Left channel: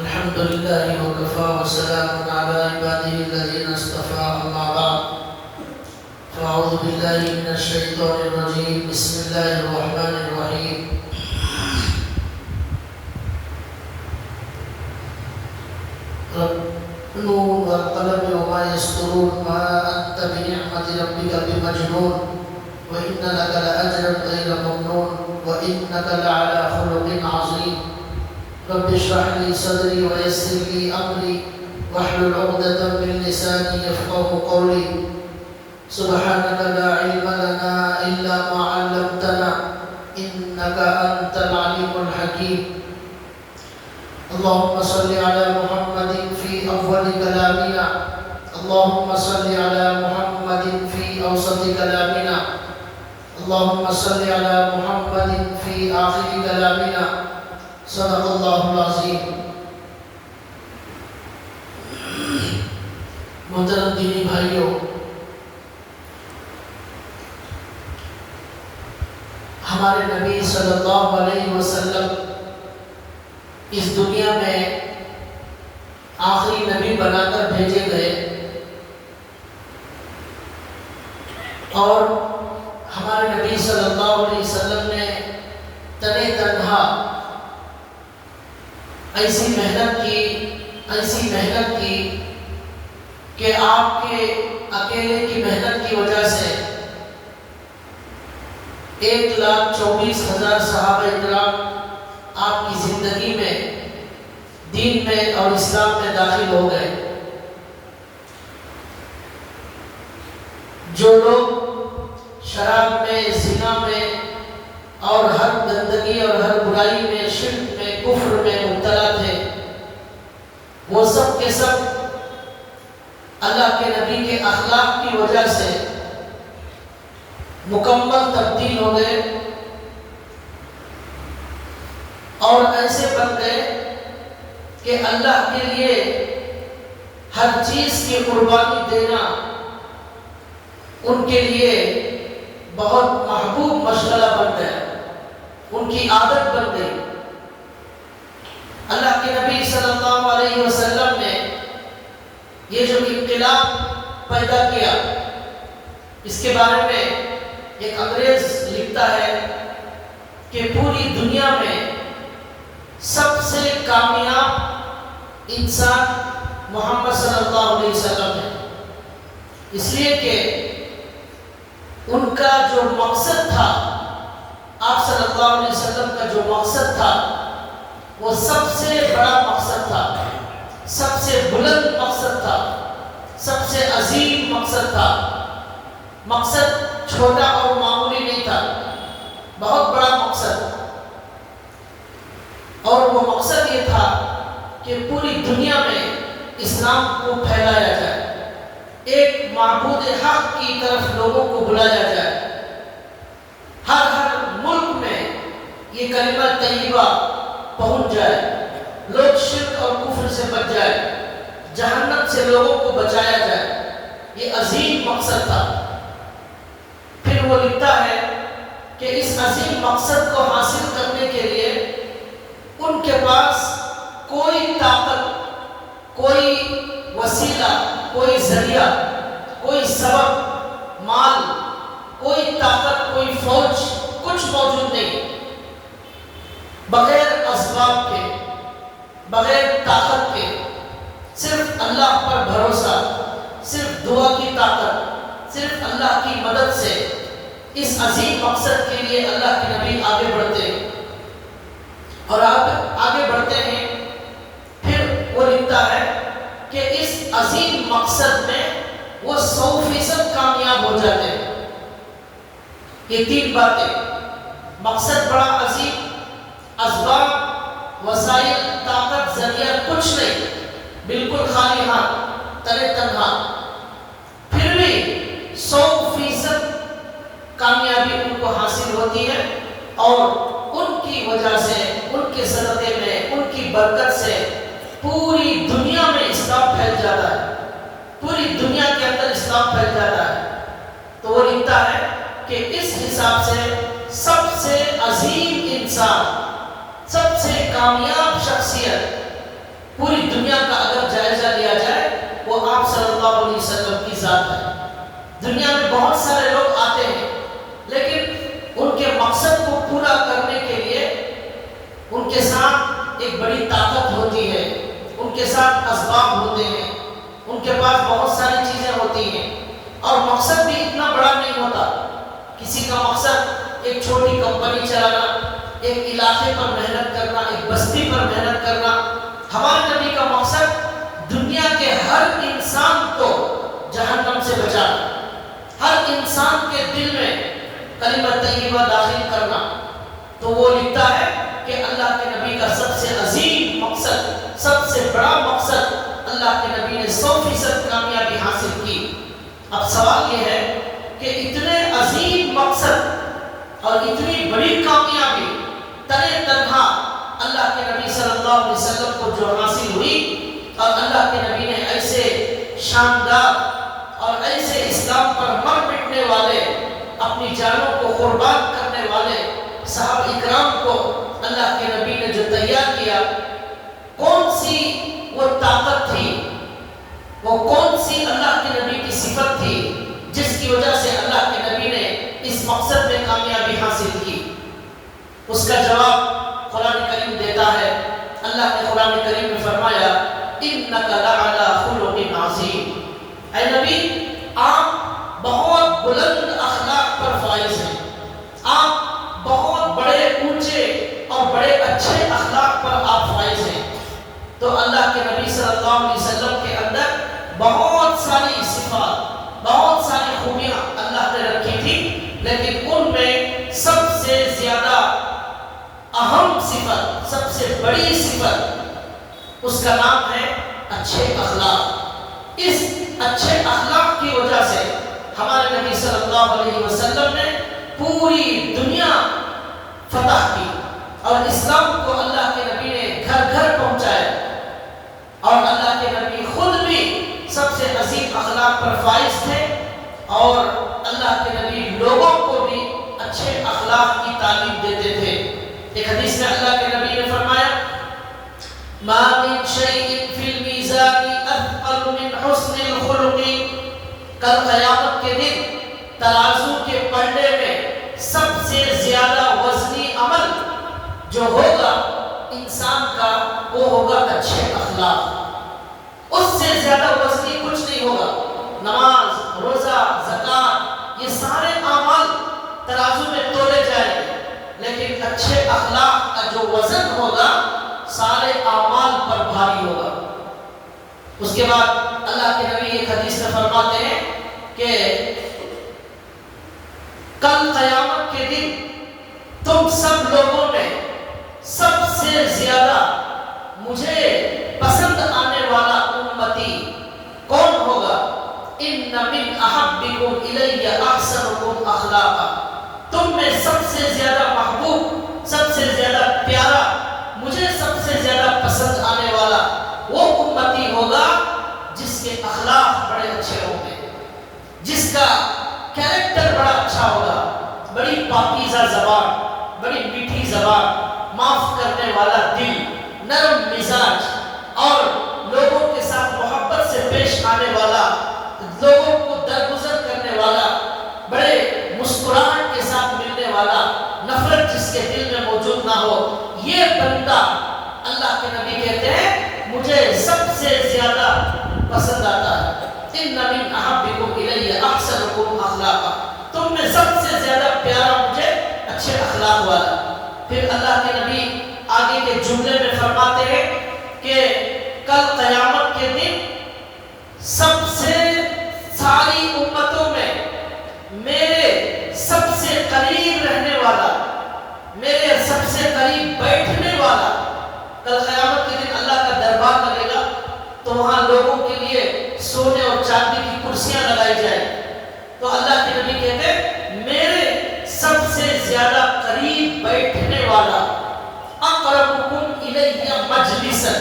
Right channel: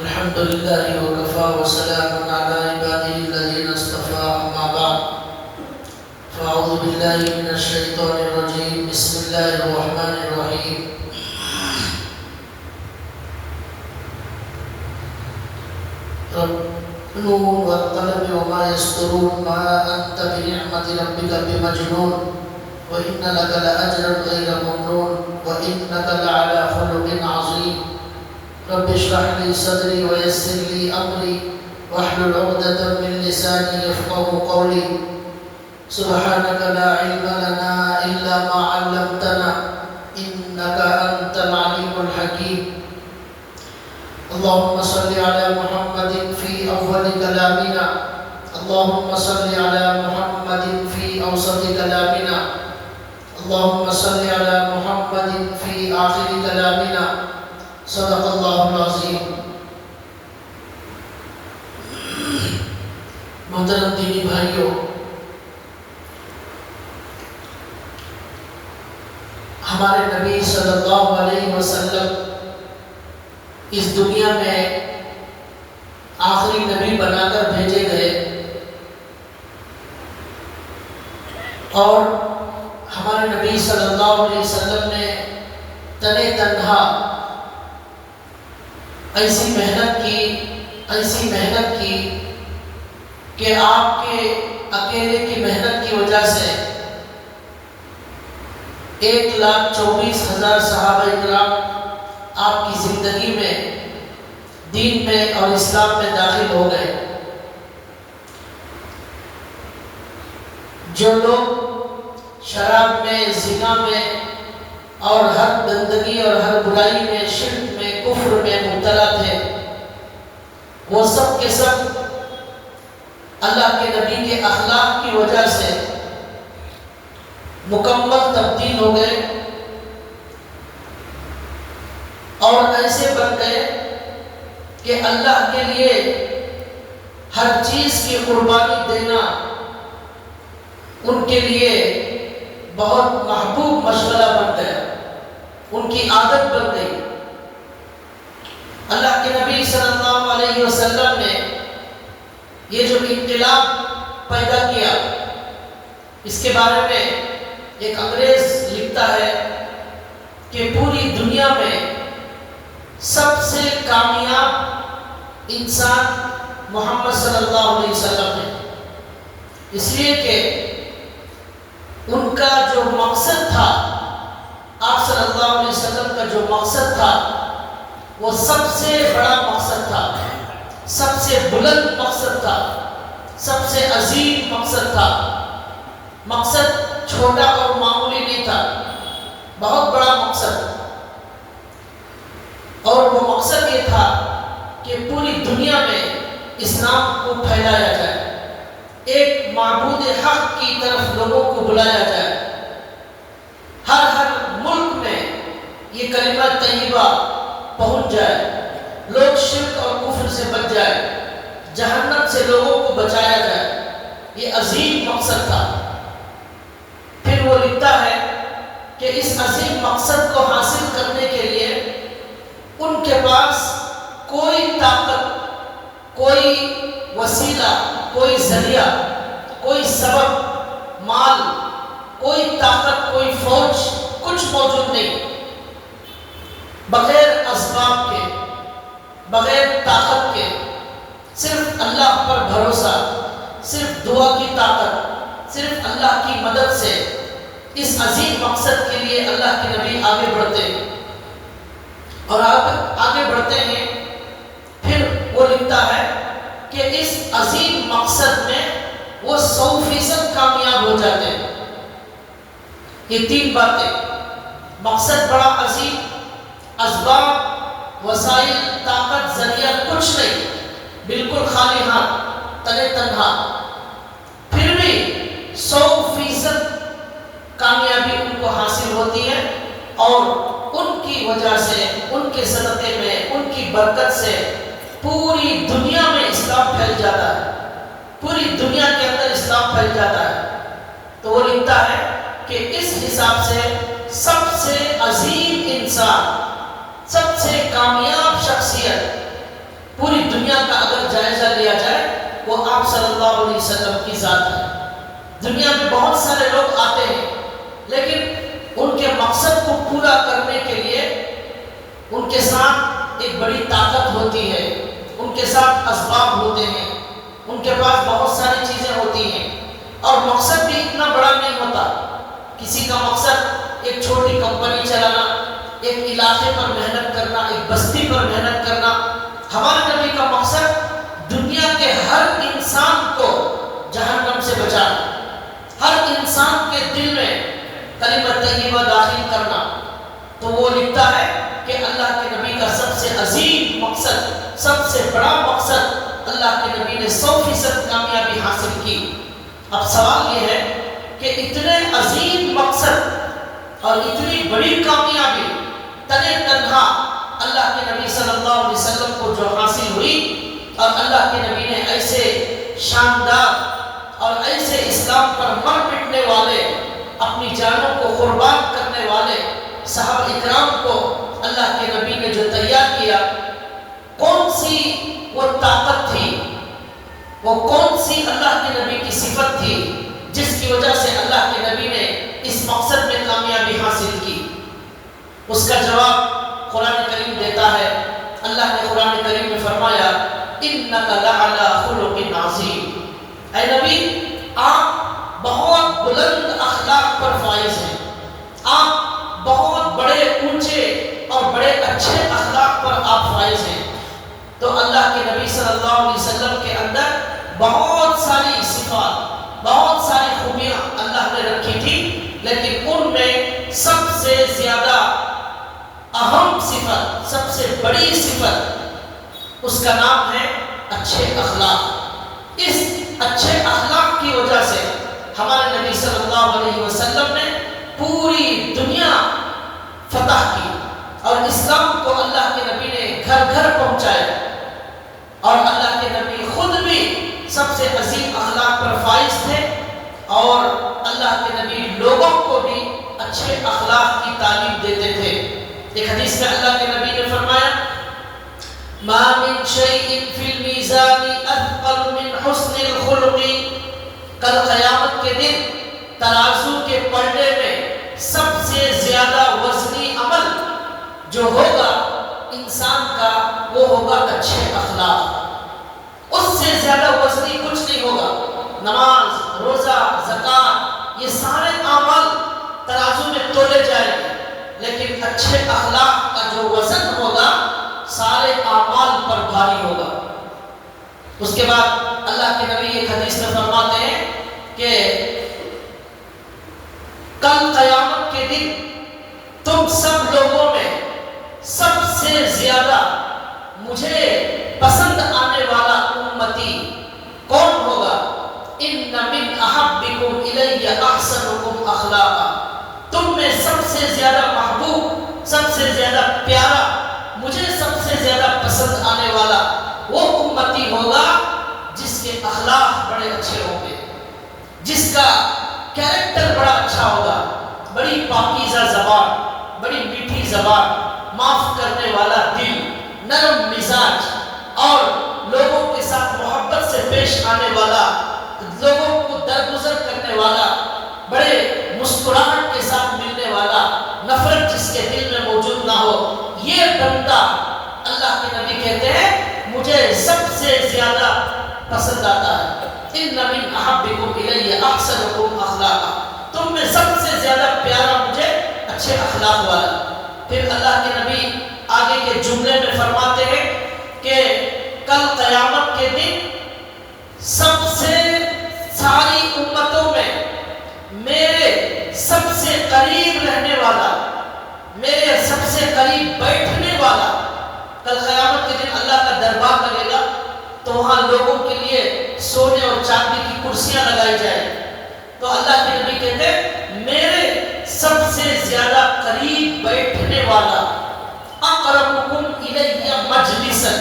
الحمد لله وكفى وسلام على عباده الذين اصطفى أما بعد فأعوذ بالله من الشيطان الرجيم بسم الله الرحمن الرحيم نون والقلم وما يسطرون ما أنت بنعمة ربك بمجنون وإن لك لأجرا غير ممنون وإنك لعلى خلق عظيم رب اشرح لي صدري ويسر لي أمري واحلل عقدة من لساني يفقهوا قولي سبحانك لا علم لنا إلا ما علمتنا إنك أنت العليم الحكيم اللهم صل على محمد في أول كلامنا اللهم صل على محمد في أوسط كلامنا اللهم صل على محمد في آخر كلامنا صدق اللہ العظیم. محترم دینی بھائیوں، ہمارے نبی صلی اللہ علیہ وسلم اس دنیا میں آخری نبی بنا کر بھیجے گئے اور ہمارے نبی صلی اللہ علیہ وسلم نے تنے تنہا ایسی محنت کی کہ آپ کے اکیلے کی محنت کی وجہ سے 1,24,000 صحابہ اکرام آپ کی زندگی میں دین میں اور اسلام میں داخل ہو گئے. جو لوگ شراب میں، زنا میں اور ہر گندگی اور ہر برائی میں، شرک میں، کفر میں مبتلا تھے، وہ سب کے سب اللہ کے نبی کے اخلاق کی وجہ سے مکمل تبدیل ہو گئے اور ایسے بن گئے کہ اللہ کے لیے ہر چیز کی قربانی دینا ان کے لیے بہت محبوب مشغلہ بن گیا، ان کی عادت بن گئی. اللہ کے نبی صلی اللہ علیہ وسلم نے یہ جو انقلاب پیدا کیا، اس کے بارے میں ایک انگریز لکھتا ہے کہ پوری دنیا میں سب سے کامیاب انسان محمد صلی اللہ علیہ وسلم ہے، اس لیے کہ ان کا جو مقصد تھا، آپ صلی اللہ علیہ وسلم کا جو مقصد تھا وہ سب سے بڑا مقصد تھا، سب سے بلند مقصد تھا، سب سے عظیم مقصد تھا. مقصد چھوٹا اور معمولی نہیں تھا، بہت بڑا مقصد. اور وہ مقصد یہ تھا کہ پوری دنیا میں اسلام کو پھیلایا جائے، ایک معبود حق کی طرف لوگوں کو بلایا جائے، ہر ملک میں یہ کلمہ طیبہ پہنچ جائے، لوگ شرک اور کفر سے بچ جائے، جہنم سے لوگوں کو بچایا جائے. یہ عظیم مقصد تھا. پھر وہ لکھتا ہے کہ اس عظیم مقصد کو حاصل کرنے کے لیے ان کے پاس کوئی طاقت، کوئی وسیلہ، کوئی ذریعہ، کوئی سبب، مال، کوئی طاقت، کوئی فوج، کچھ موجود نہیں. بغیر اسباب کے، بغیر طاقت کے، صرف اللہ پر بھروسہ، صرف دعا کی طاقت، صرف اللہ کی مدد سے اس عظیم مقصد کے لیے اللہ کے نبی آگے بڑھتے ہیں اور آگے بڑھتے ہیں. پھر وہ لکھتا ہے کہ اس عظیم مقصد میں وہ 100% کامیاب ہو جاتے ہیں. یہ 3 باتیں، مقصد بڑا عظیم، اسباب، وسائل، طاقت، ذریعہ کچھ نہیں، بالکل خالی ہاتھ، تنے تنہا، پھر بھی 100% کامیابی ان کو حاصل ہوتی ہے اور ان کی وجہ سے، ان کے صدقے میں، ان کی برکت سے پوری دنیا میں اسلام پھیل جاتا ہے، پوری دنیا کے اندر اسلام پھیل جاتا ہے. تو وہ لکھتا ہے کہ اس حساب سے سب سے عظیم انسان، سب سے کامیاب شخصیت پوری دنیا کا اگر جائزہ لیا جائے وہ آپ صلی اللہ علیہ وسلم کی ذات ہے۔ دنیا میں بہت سارے لوگ آتے ہیں لیکن ان کے مقصد کو پورا کرنے کے لیے ان کے ساتھ ایک بڑی طاقت ہوتی ہے، ان کے ساتھ اسباب ہوتے ہیں، ان کے پاس بہت ساری چیزیں ہوتی ہیں، اور مقصد بھی اتنا بڑا نہیں ہوتا۔ کسی کا مقصد ایک چھوٹی کمپنی چلانا، ایک علاقے پر محنت کرنا، ایک بستی پر محنت کرنا۔ ہمارے نبی کا مقصد دنیا کے ہر انسان کو جہنم سے بچانا، ہر انسان کے دل میں کلمہ طیبہ داخل کرنا۔ تو وہ لکھتا ہے کہ اللہ کے نبی کا سب سے عظیم مقصد، سب سے بڑا مقصد، اللہ کے نبی نے 100% کامیابی حاصل کی۔ اب سوال یہ ہے کہ اتنے عظیم مقصد اور اتنی بڑی کامیابی تنے تنہا اللہ کے نبی صلی اللہ علیہ وسلم کو جو حاصل ہوئی، اور اللہ کے نبی نے ایسے شاندار اور ایسے اسلام پر مر مٹنے والے، اپنی جانوں کو قربان کرنے والے صحابہ اکرام کو اللہ کے نبی نے جو تیار کیا، کون سی وہ طاقت تھی، وہ کون سی اللہ کے نبی کی صفت تھی جس کی وجہ سے اللہ کے نبی نے اس مقصد میں کامیابی حاصل کی؟ اس کا جواب قرآن کریم دیتا ہے۔ اللہ نے قرآن کریم میں فرمایا اِنَّكَ لَعَلَىٰ خُلُقٍ عَظِيمٍ، اے نبی آپ بہت بلند اخلاق پر فائز ہیں، آپ بہت بڑے اونچے اور بڑے اچھے اخلاق پر آپ فائز ہیں۔ تو اللہ کے نبی صلی اللہ علیہ وسلم کے اندر بہت ساری صفات، بہت ساری خوبیاں اللہ نے رکھی تھی، لیکن ان میں سب سے زیادہ اہم صفت، سب سے بڑی صفت، اس کا نام ہے اچھے اخلاق۔ اس اچھے اخلاق کی وجہ سے ہمارے نبی صلی اللہ علیہ وسلم نے پوری دنیا فتح کی، اور اسلام کو اللہ کے نبی نے گھر گھر پہنچایا، اور اللہ کے نبی خود بھی سب سے عظیم اخلاق پر فائز تھے، اور اللہ کے نبی لوگوں کو بھی اچھے اخلاق کی تعلیم دیتے تھے۔ ایک حدیث میں اللہ کے نبی نے فرمایا ما من شيء في الميزان اثقل من حسن الخلق، کل قیامت کے دن ترازو کے پلڑے میں سب سے زیادہ وزنی عمل جو ہوگا انسان کا وہ ہوگا اچھے اخلاق۔ اس سے زیادہ وزنی کچھ نہیں ہوگا۔ نماز، روزہ، زکوٰۃ، یہ سارے اعمال ترازو میں تولے جائیں گے، لیکن اچھے اخلاق کا جو وزن ہوگا سارے اعمال پر بھاری ہوگا۔ اس کے بعد اللہ کے نبی ایک حدیث میں فرماتے ہیں کہ کل قیامت کے دن تم سب لوگوں میں سب سے زیادہ مجھے پسند آنے والا امتی کون ہوگا؟ ان من احبکم الی احسنکم اخلاقا، تم میں سب سے زیادہ محبوب، سب سے زیادہ پیارا، مجھے سب سے زیادہ پسند آنے والا وہ امتی ہوگا جس کے اخلاق بڑے اچھے ہوں گے، جس کا کیریکٹر بڑا اچھا ہوگا، بڑی پاکیزہ زبان، بڑی میٹھی زبان، معاف کرنے والا دل، نرم مزاج، اور لوگوں کے ساتھ محبت سے پیش آنے والا، لوگوں کو درگزر کرنے والا، بڑے مسکراہٹ کے ساتھ ملنے والا، نفرت جس کے دل میں موجود نہ ہو، یہ بندہ اللہ کے نبی کہتے ہیں مجھے سب سے زیادہ پسند آتا ہے۔ ان من احبکم الی احسنکم اخلاقا، تم میں سب سے زیادہ پیارا مجھے اچھے اخلاق والا۔ پھر اللہ کے نبی آگے کے جملے میں فرماتے ہیں کہ کل قیامت کے دن سب سے ساری امتوں میں میرے سب سے قریب رہنے والا، میرے سب سے قریب بیٹھنے والا، کل قیامت کے دن اللہ کا دربار لگے گا تو وہاں لوگوں کے لیے سونے اور چاندی کی کرسیاں لگائی جائیں، تو اللہ کے نبی کہتے ہیں میرے سب سے زیادہ قریب بیٹھنے والا، اقربکم الی مجلسا،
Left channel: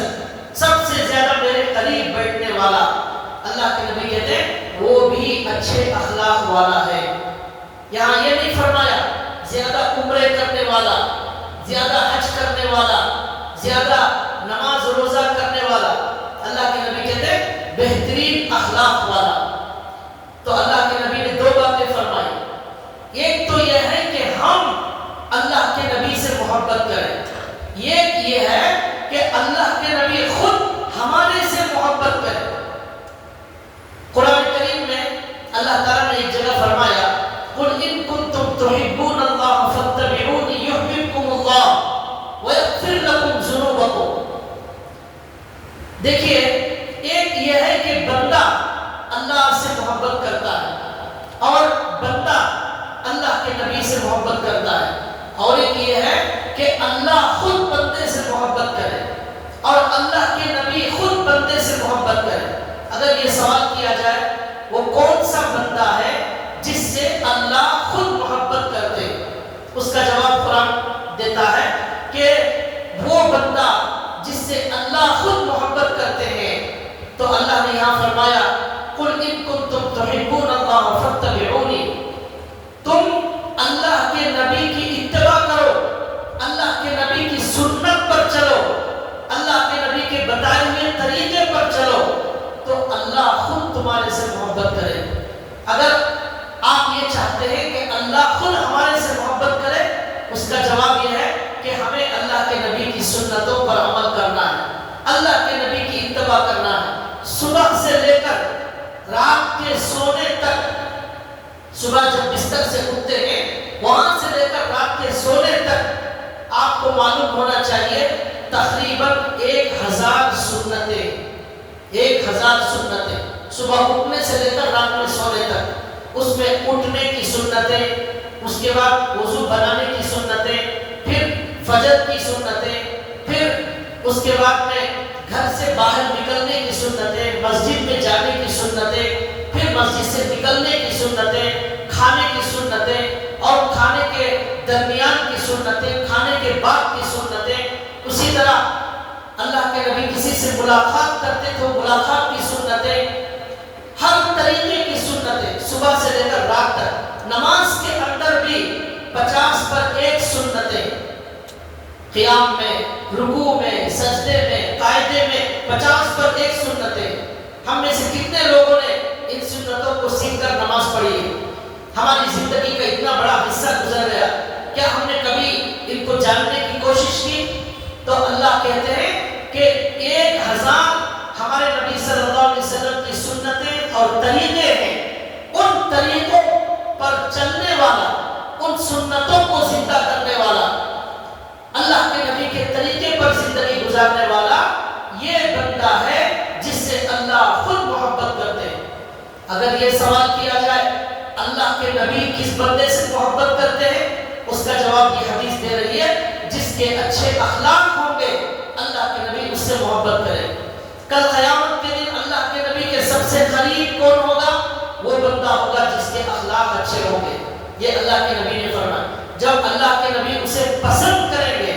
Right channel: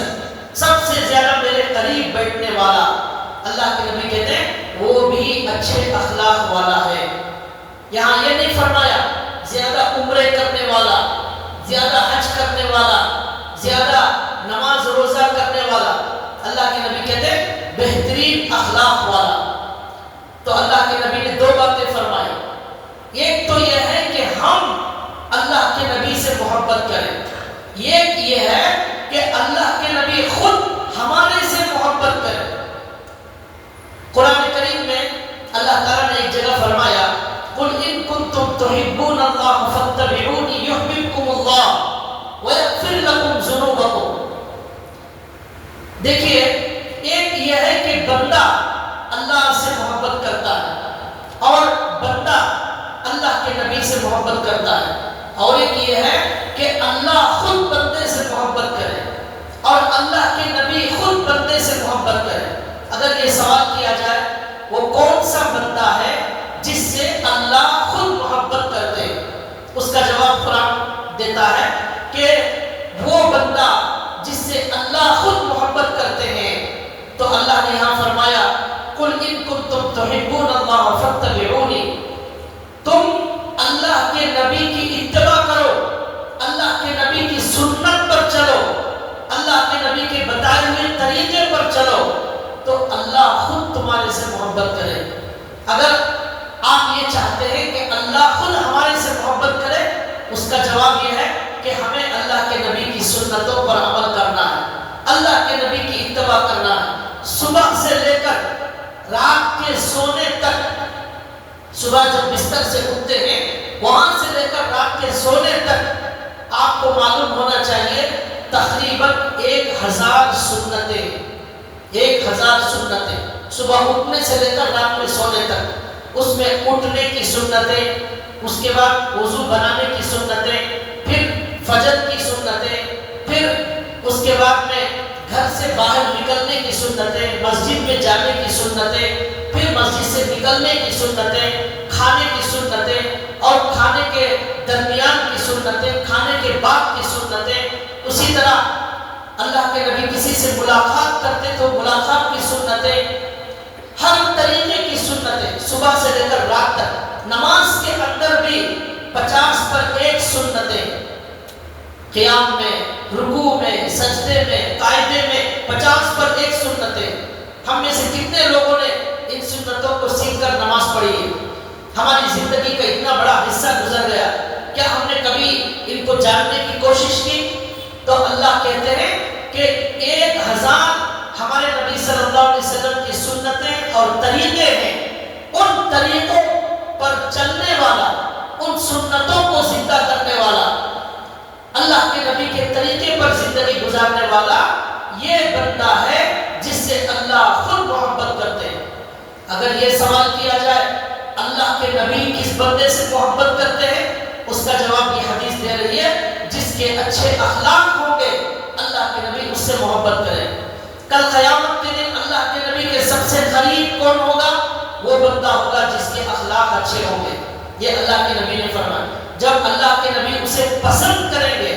سب سے زیادہ میرے قریب بیٹھنے والا، اللہ کے نبی کہتے ہیں وہ بھی اچھے اخلاق والا ہے۔ یہاں یہ نہیں فرمایا زیادہ عمرے کرنے والا، زیادہ حج کرنے والا، زیادہ نماز روزہ کرنے والا، دیکھیے ایک یہ ہے کہ بندہ اللہ سے محبت کرتا ہے اور بندہ اللہ کے نبی سے محبت کرتا ہے، اور ایک یہ ہے کہ اللہ خود بندے سے محبت کرے اور اللہ کے نبی خود بندے سے محبت کرے۔ اگر یہ سوال کیا جائے وہ کون سا بندہ ہے جس سے اللہ خود محبت کرتے، اس کا جواب قرآن دیتا ہے کہ وہ بندہ جس سے اللہ خود محبت کرتے ہیں، تو اللہ نے یہاں فرمایا قُلْ إِن كُنتُمْ تُحِبُّونَ اللَّهَ فَاتَّبِعُونِي، تم اللہ کے نبی کی اتباع کرو، اللہ کے نبی کی سنت پر چلو، اللہ کے نبی کے بتائے ہوئے طریقے پر چلو، تو اللہ خود تمہارے سے محبت کرے۔ اگر آپ یہ چاہتے ہیں کہ اللہ خود ہمارے سے محبت کرے، اس کا جواب یہ ہے کہ ہمیں اللہ کے نبی کی سنتوں پر عمل کرنا ہے، اللہ کے نبی کی اتباع کرنا ہے۔ صبح سے لے کر رات کے سونے تک، صبح جب بستر سے اٹھتے ہیں وہاں سے لے کر رات کے سونے تک آپ کو معلوم ہونا چاہیے تقریباً 1000 سنتیں، 1000 سنتیں، صبح اٹھنے سے لے کر رات میں سونے تک، اس میں اٹھنے کی سنتیں، اس کے بعد وضو بنانے کی سنتیں، پھر فجر کی سنتیں، پھر اس کے بعد میں گھر سے باہر نکلنے کی سنتیں، مسجد میں جانے کی سنتیں، پھر مسجد سے نکلنے کی سنتیں، کھانے کی سنتیں اور کھانے کے درمیان کی سنتیں، کھانے کے بعد کی سنتیں۔ اسی طرح اللہ کے نبی کسی سے ملاقات کرتے تو ملاقات کی سنتیں، ہر طریقے کی سنتیں صبح سے لے کر رات تک۔ نماز کے اندر بھی 50 پر 1 سنتیں، قیام میں، رکوع میں، سجدے میں، قاعدے میں 50 پر 1 سنتیں۔ ہم میں سے کتنے لوگوں نے ان سنتوں کو سیکھ کر نماز پڑھی ہے؟ ہماری زندگی کا اتنا بڑا حصہ گزر گیا، کیا ہم نے کبھی ان کو جاننے کی کوشش کی؟ تو اللہ کہتے ہیں کہ 1000 ہمارے نبی صلی اللہ علیہ وسلم کی سنتیں اور طریقے ہیں، ان طریقوں پر چلنے والا، ان سنتوں کو زندہ کرنے والا، اللہ کے نبی کے طریقے پر زندگی گزارنے والا، یہ بندہ ہے جس سے اللہ خود محبت کرتے ہیں۔ اگر یہ سوال کیا جائے اللہ کے نبی کس بندے سے محبت کرتے ہیں، اس کا جواب یہ حدیث دے رہی ہے جس کے اچھے اخلاق ہوں گے اللہ کے نبی اس سے محبت کرے۔ کل قیامت کے دن اللہ کے نبی کے سب سے قریب کون ہوگا؟ وہ بندہ ہوگا جس کے اخلاق اچھے ہوں گے۔ یہ اللہ کے نبی نے فرمایا، جب اللہ کے نبی اسے پسند کریں گے،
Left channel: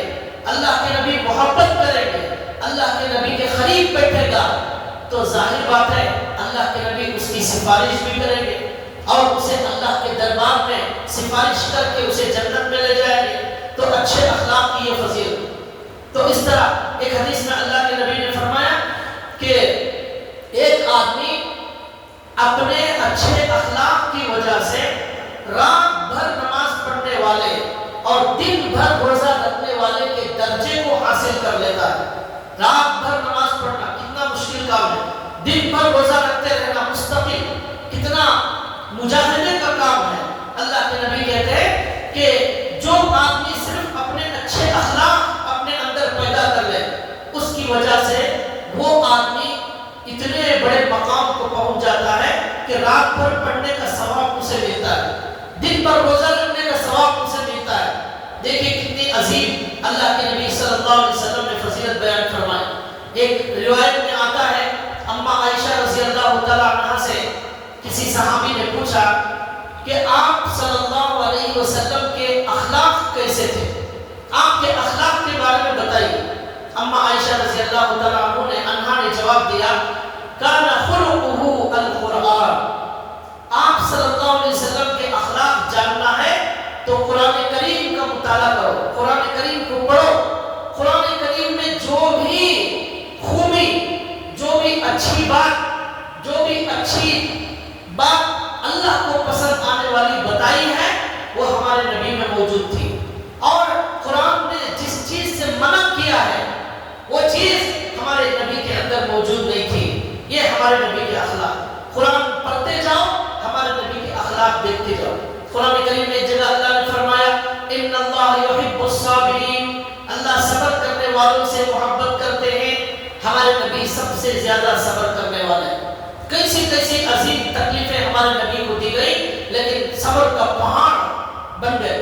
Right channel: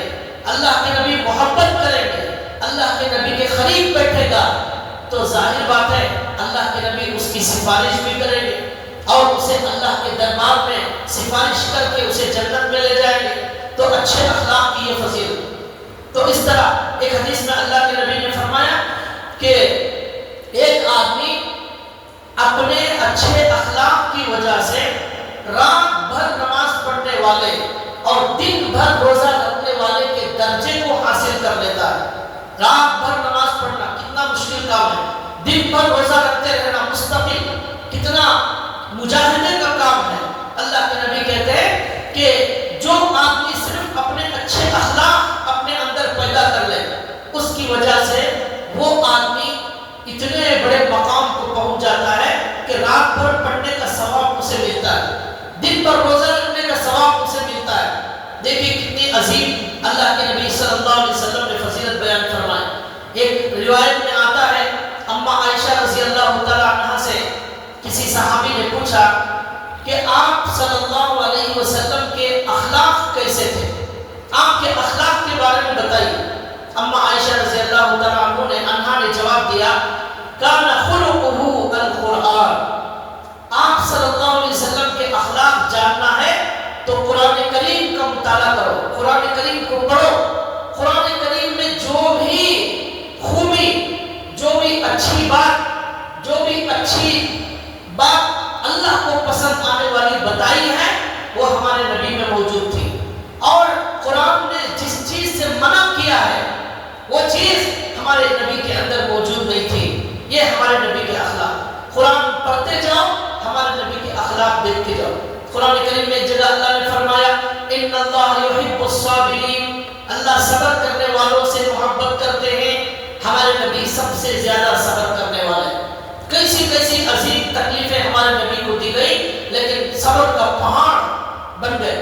اللہ کے نبی محبت کریں گے، اللہ کے نبی کے قریب بیٹھے گا، تو ظاہر بات ہے اللہ کے نبی اس کی سفارش بھی کریں گے اور اسے اللہ کے دربار میں سفارش کر کے اسے جنت میں لے جائیں گے۔ تو اچھے اخلاق کی یہ فضیلت۔ تو اس طرح ایک حدیث میں اللہ کے نبی نے فرمایا کہ ایک آدمی اپنے اچھے اخلاق کی وجہ سے رات بھر نماز پڑھنے والے اور دن بھر روزہ رکھنے والے کے درجے کو حاصل کر لیتا ہے۔ رات بھر نماز پڑھنا کتنا مشکل کام ہے، دن بھر روزہ رکھتے رہنا مستقل کتنا مجاہدے کا کام ہے۔ اللہ کے نبی کہتے ہیں کہ جو آدمی صرف اپنے اچھے اخلاق اپنے اندر پیدا کر لے، اس کی وجہ سے وہ آدمی اتنے بڑے مقام کو پہنچ جاتا ہے کہ رات بھر پڑھنے کا ثواب اسے ملتا ہے، دن بھر روزہ رکھنے کا ثواب اسے ملتا ہے۔ دیکھیے کتنی عظیم اللہ کے نبی صلی اللہ علیہ وسلم نے فضیلت بیان فرمائی۔ ایک روایت میں آتا ہے اما عائشہ رضی اللہ تعالیٰ عنہا سے کسی صحابی نے پوچھا کہ آپ صلی اللہ علیہ وسلم کے اخلاق کیسے تھے، آپ کے اخلاق کے بارے میں بتائیے۔ اما عائشہ رضی اللہ تعالیٰ عنہا نے جواب دیا کان خلقہ القرآن، آپ صلی اللہ علیہ وسلم کے اخلاق جاننا ہے تو قرآن کریم کا مطالعہ کرو، قرآن کریم کو پڑھو۔ قرآن کریم میں جو بھی خوبی، جو بھی اچھی بات، جو بھی اچھی بات اللہ کو پسند آنے والی بتائی ہے وہ ہمارے نبی میں موجود تھی، اور قرآن نے جس چیز سے منع کیا ہے وہ چیز ہمارے نبی کے اندر موجود نہیں تھی۔ یہ ہمارے نبی کے اخلاق، قرآن پڑھتے جاؤ ہمارے نبی کے اخلاق دیکھتے جاؤ۔ قرآن کریم میں ایک جگہ اللہ نے فرمایا ان اللہ یحب الصابرین، اللہ صبر کرنے والوں سے محبت کرتے ہیں۔ ہمارے نبی نبی سب سے زیادہ صبر کرنے والے. کیسی کیسی عظیم تکلیفیں ہمارے نبی کو دی گئی لیکن صبر کا پہاڑ بن گئے.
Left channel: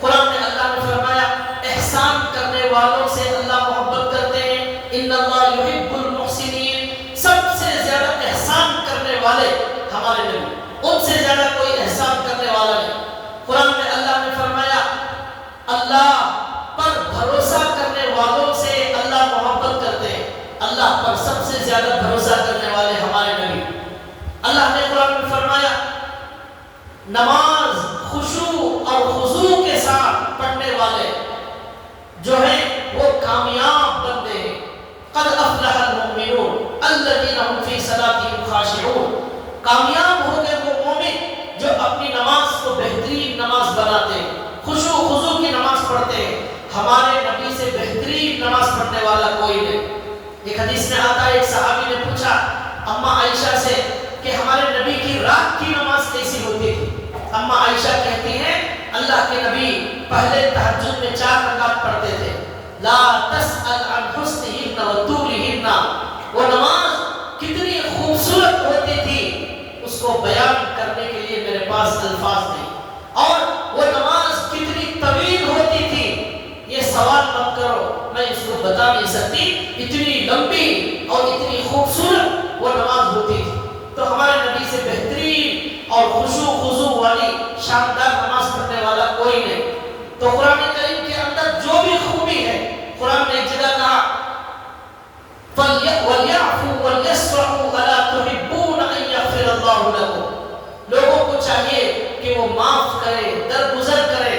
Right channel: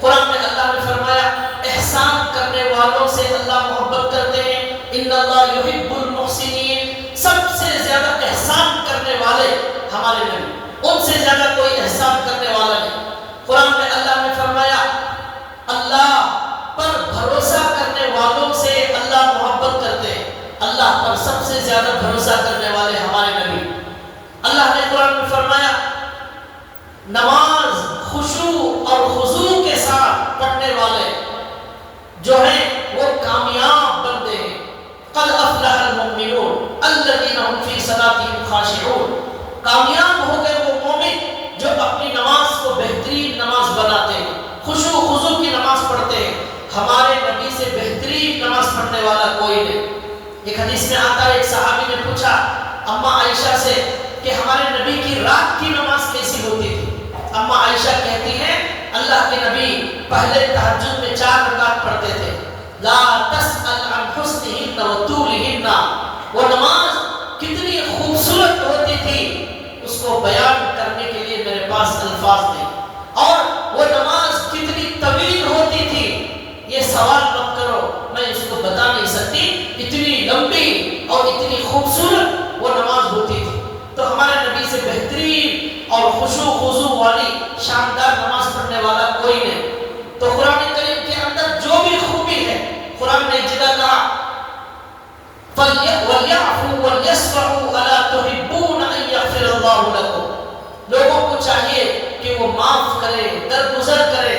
قرآن میں اللہ نے فرمایا احسان کرنے والوں سے اللہ محبت کرتے ہیں. ان اللہ یحب المحسنین. سب سے زیادہ احسان کرنے والے ہمارے نبی، ان سے زیادہ کوئی احسان کرنے والا نہیں. قرآن میں اللہ نے فرمایا اللہ پر بھروسہ کرنے والوں سے اللہ محبت کرتے ہیں. اللہ پر سب سے زیادہ بھروسہ کرنے والے ہمارے نبی. اللہ نے قرآن میں فرمایا نماز خشوع اور خضوع کے ساتھ پڑھنے والے جو ہیں وہ کامیاب بندے ہیں. قد افلح المؤمنون الذین هم فی صلاتهم خاشعون. کامیاب ہو گئے وہ مومن جو اپنی نماز کو بہترین نماز بناتے ہیں، خشوع خضوع کی نماز پڑھتے ہیں. ہمارے نبی سے بہترین نماز پڑھنے والا کوئی نہیں. ایک حدیث میں آتا ہے ایک صحابی نے پوچھا اماں عائشہ سے کہ ہمارے نبی کی رات کی نماز کیسی ہوتی تھی. اماں عائشہ کہتی ہیں اللہ کے نبی پہلے تہجد میں 4 رکعت پڑھتے تھے. لا تسأل عن حسنہن و طولہن. وہ نماز کتنی خوبصورت ہوتی تھی اس کو بیان کرنے کے لیے میرے پاس الفاظ نہیں. اور وہ نماز کتنی طویل ہوتی تھی یہ سوال مت کرو، میں اس کو بتا نہیں سکتی. اتنی لمبی اور اتنی خوبصورت وہ نماز ہوتی تھی. تو ہمارے نبی سے بہترین اور خشوع خضوع والی شاندار نماز پڑھنے والا کوئی نہیں. تو قرآن کریم کے اندر جو بھی خوبی ہے قرآن نے جگہ کہا وَلْيَعْفُوا وَلْيَصْفَحُوا أَلَا تُحِبُّونَ أَن يَغْفِرَ اللَّهُ لَكُمْ. لوگوں کو چاہیے کہ وہ معاف کرے، درگزر کرے.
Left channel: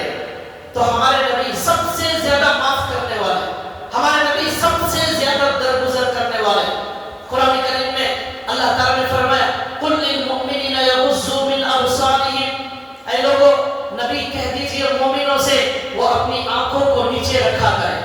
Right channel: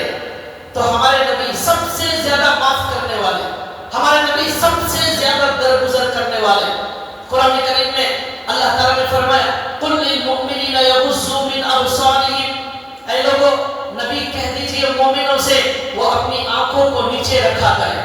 تو ہمارے نبی سب سے زیادہ معاف کرنے والے، ہمارے نبی سب سے زیادہ درگزر کرنے والے. قرآن کریم میں اللہ تعالیٰ نے فرمایا قُلْ لِلْمُؤْمِنِينَ يَغُضُّوا مِنْ أَبْصَارِهِمْ. اے لوگوں نبی کہہ دیجئے مومنوں سے وہ اپنی آنکھوں کو نیچے رکھا کریں،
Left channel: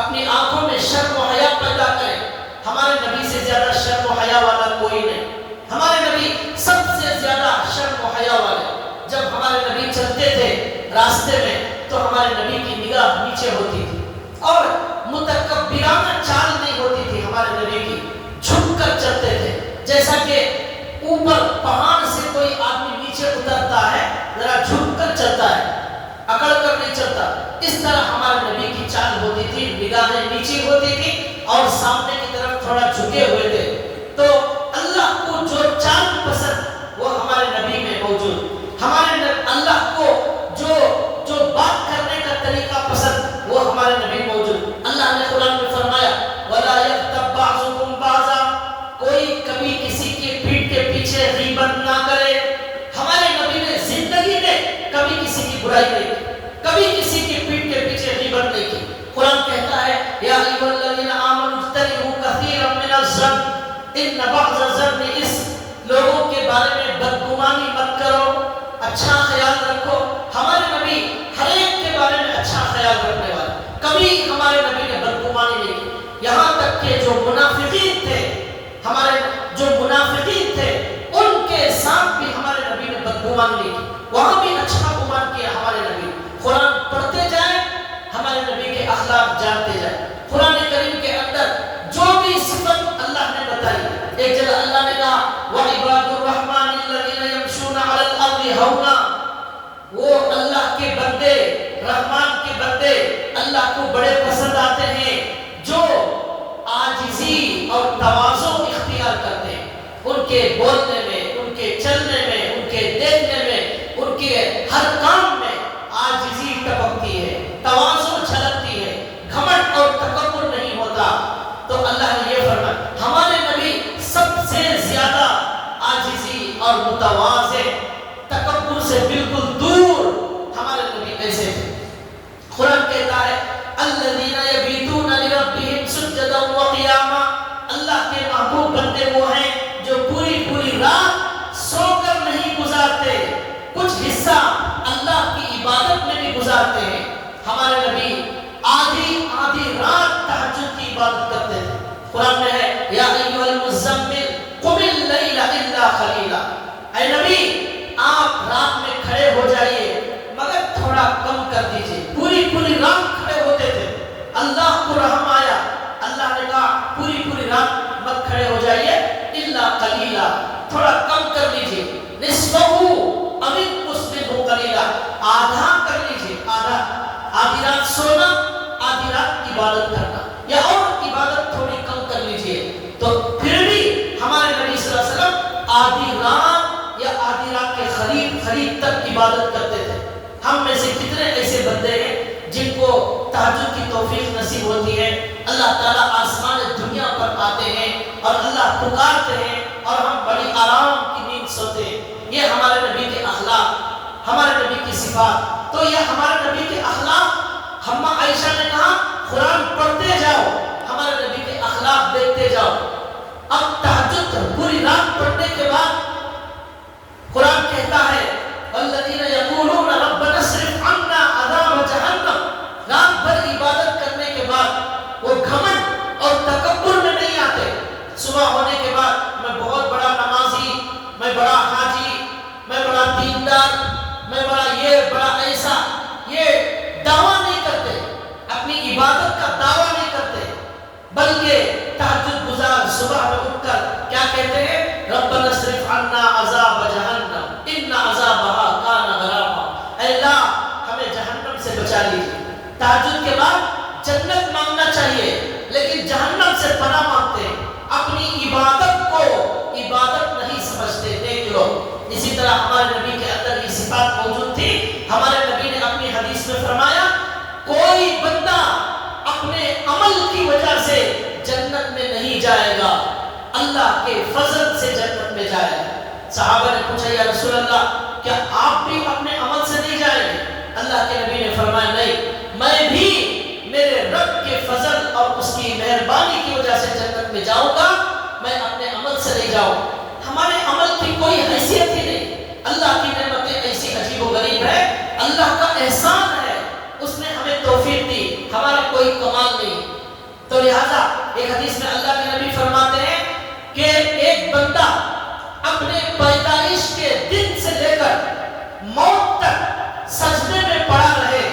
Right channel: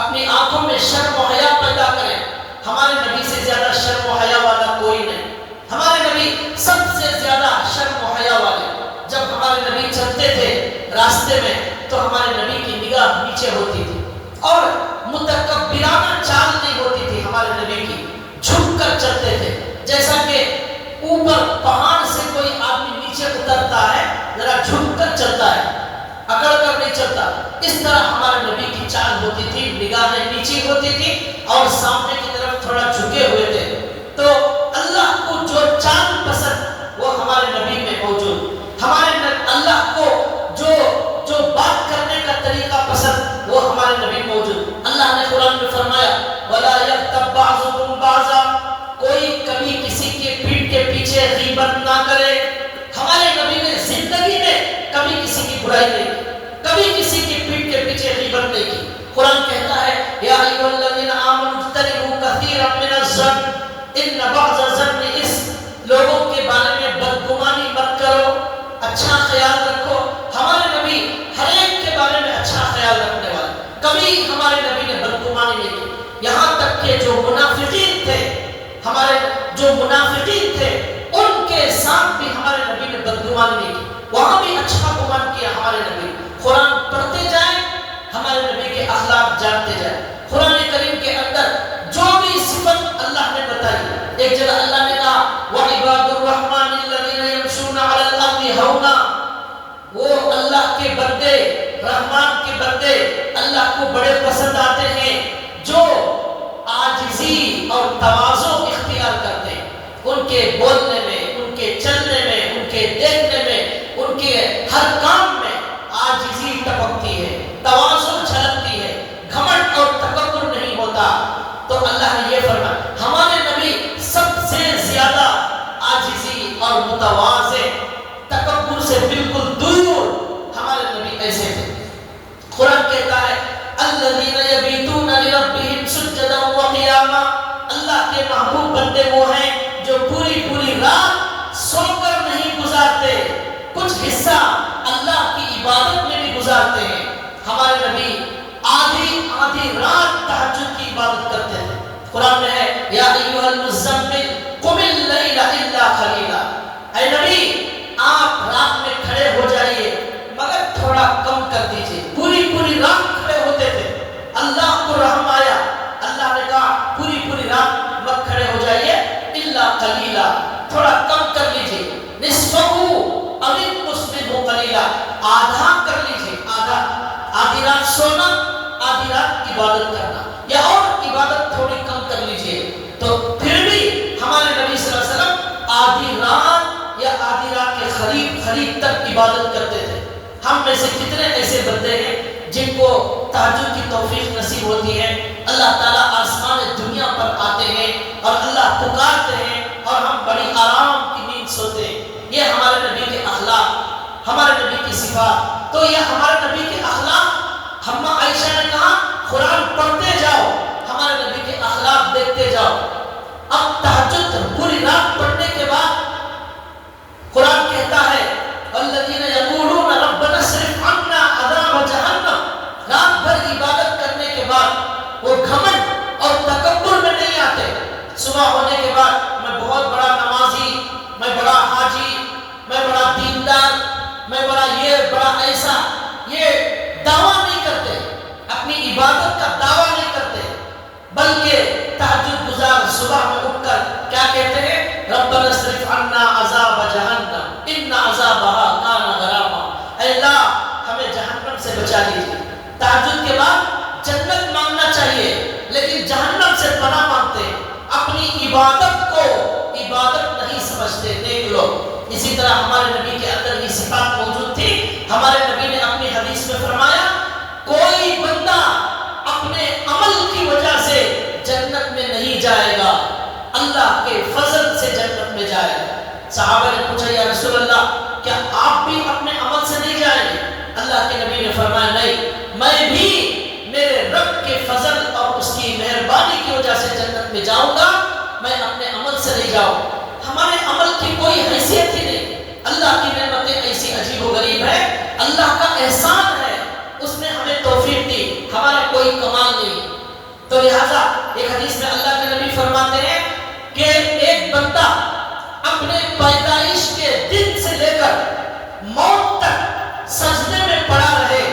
اپنی آنکھوں میں شرم و حیا پیدا کریں. ہمارے نبی سے زیادہ شرم و حیا والا کوئی نہیں. ہمارے نبی سب سے زیادہ شرم و حیا والے. جب ہمارے نبی چلتے تھے راستے میں تو ہمارے نبی کی نگاہ نیچے ہوتی تھی اور متکبرانہ چال نہیں ہوتی تھی ہمارے نبی کی. جھک کر چلتے تھے جیسا کہ اوپر پہاڑ سے کوئی آدمی نیچے اترتا ہے ذرا جھک کر چلتا ہے، اکڑ کر نہیں چلتا. اس طرح ہمارے نبی کی چال ہوتی تھی، نگاہیں نیچے ہوتی تھی اور سامنے کی طرف تھوڑا جھکے ہوئے تھے. تو اللہ کو جو چال پسند وہ ہمارے نبی میں موجود. ہمارے اللہ کو جو بات کرنے کا طریقہ پسند وہ ہمارے نبی موجود. اللہ نے قرآن میں فرمایا وَلَا يَغْتَبْ بَعْضُكُمْ بَعْضًا. کوئی کبھی کسی کے پیٹھ کے پیچھے غیبت نہ کرے. ہمارے نبی نے زندگی میں کبھی کسی کی برائی نہیں کی، کبھی کسی کی پیٹھ کے پیچھے غیبت نہیں کی. قرآن کہتا ہے یا ایھا الذین آمنوا اجتنبوا کثیرا من الظن ان بعض الظن اثم. لوگوں کے بارے میں بدگمانی مت کرو، اچھا خیال رکھو. ہمارے نبی ہر ایک کے بارے میں اچھا خیال رکھنے والے، کبھی ہمارے نبی نے بدگمانی نہیں کی. یہاں تک کہ جو منافقین تھے، ہمارے جو منافقین تھے ان کے ساتھ بھی ہمارے نبی نے بدگمانی نہیں کی، وہاں بھی اچھا گمان کیا ہمارے نبی. قرآن پڑھتے جائیں ہمارے نبی کے اخلاق جانتے جائیں. قرآن کریم کے اندر جو بھی صفت اللہ نے بتائی، ایک جگہ اللہ نے کہا وَعِبَادُ الرَّحْمَنِ الَّذِينَ يَمْشُونَ عَلَى الْأَرْضِ هَوْنًا. وہ اللہ کے بندے، رحمان کے بندے اللہ کو بڑے پسند آتے ہیں جو عاجزی اور تواضع اختیار کرتے ہیں. ان کے بولنے میں، ان کے چلنے میں، ان کے دیکھنے میں، ان کے ہر کام میں عاجزی ٹپکتی ہے، تواضع جھلکتی ہے، گھمنڈ اور تکبر نہیں ہوتا. تو اللہ نے یہ فرمایا ہمارے نبی سب سے زیادہ عاجزی اور متواضع، تکبر سے بالکل دور ہمارے نبی ایسے تھے. قرآن کہتا ہے الذین یبیتون لربہم سجدا وقیاما. اللہ کے محبوب بندے وہ ہیں جو پوری پوری رات سو کر نہیں گزارتے، کچھ حصہ اللہ کی عبادت میں بھی گزارتے ہیں. ہمارے نبی آدھی رات تہجد کی عبادت کرتے تھے. قرآن میں ہے یا ایھا المزمل قم اللیل الا قلیلا. اے نبی آپ رات میں کھڑے ہو جائیے مگر تھوڑا کم کر دیجئے. پوری رات کھڑے ہوتے تھے. اللہ کو رحم آیا، اللہ نے کہا پوری رات مت کھڑے ہو جائیے، الا قلیلا، تھوڑا کم کر لیجیے، نصفہ او انقص منہ قلیلا، آدھا کر لیجیے، آدھی رات سونا، آدھی رات عبادت کرنا، یا اور عبادت تھوڑی کم کر لیجیے۔ تو پھر بھی ہمارے نبی صلی اللہ علیہ وسلم آدھی رات یا آدھی رات کے قریب تک عبادت کرتے تھے۔ ہم میں سے کتنے ایسے بندے ہیں جن کو تہجد کی توفیق نصیب ہوتی ہے، اللہ تعالیٰ آسمان دنیا پر آتے ہیں اور اللہ پکارتے ہیں اور ہم بڑی آرام کی نیند سوتے ہیں۔ یہ ہمارے نبی کے اخلاق، ہمارے نبی کی صفات۔ تو یہ ہمارے نبی کے اخلاق، ہم عائشہ نے کہا قرآن پڑھتے جاؤ، ہمارے نبی کے اخلاق دیکھتے جاؤ۔ اب تہجد پوری رات پڑھنے کے بعد قرآن کہتا ہے والذین یقولون ربنا اصرف عنا عذاب جہنم، رات بھر عبادت کرنے کے بعد وہ گھمنڈ اور تکبر میں نہیں آتے۔ صبح ہونے کے بعد میں بہت بڑا نمازی، میں بڑا حاجی، میں بڑا دیندار، میں بڑا یہ بڑا ایسا، یہ دعویٰ نہیں کرتے، اپنی عبادت کا دعویٰ نہیں کرتے، بلکہ تہجد گزار صبح میں اٹھ کر کیا کہتے ہیں؟ ربنا اصرف عنا عذاب جہنم ان عذابها کان غراما، اے اللہ ہمیں جہنم سے بچا لیجیے۔ تہجد کے بعد جنت مانگنا چاہیے لیکن جہنم سے پناہ مانگتے ہیں، اپنی عبادت کو عبادت نہیں سمجھتے۔ دیکھ لو اسی طرح ہمارے نبی کے اندر یہ صفات موجود تھی۔ ہمارے نبی نے اپنی حدیث میں فرمایا کوئی بندہ اپنے عمل کی وجہ سے جنت میں نہیں جائے گا، اللہ کے فضل سے جنت میں جائے گا۔ صحابہ نے پوچھا یا رسول اللہ کیا آپ بھی اپنے عمل سے نہیں جائیں گے؟ اللہ کے نبی نے فرمایا نہیں، میں بھی میرے رب کے فضل اور اس کی مہربانی کی وجہ سے جنت میں جاؤں گا، میں اپنے عمل سے نہیں جاؤں۔ ہمارے عمل کی کوئی حیثیت ہی نہیں، اللہ کی نعمتیں ایسی عجیب و غریب ہے، اللہ کا احسان ہے، اس نے ہمیں توفیق دی، ہمارا کوئی کمال نہیں۔ تو لہذا ایک حدیث میں اللہ کے نبی فرماتے ہیں کہ ایک بندہ اپنے پیدائش کے دن سے لے کر موت تک سجدے میں پڑا رہے،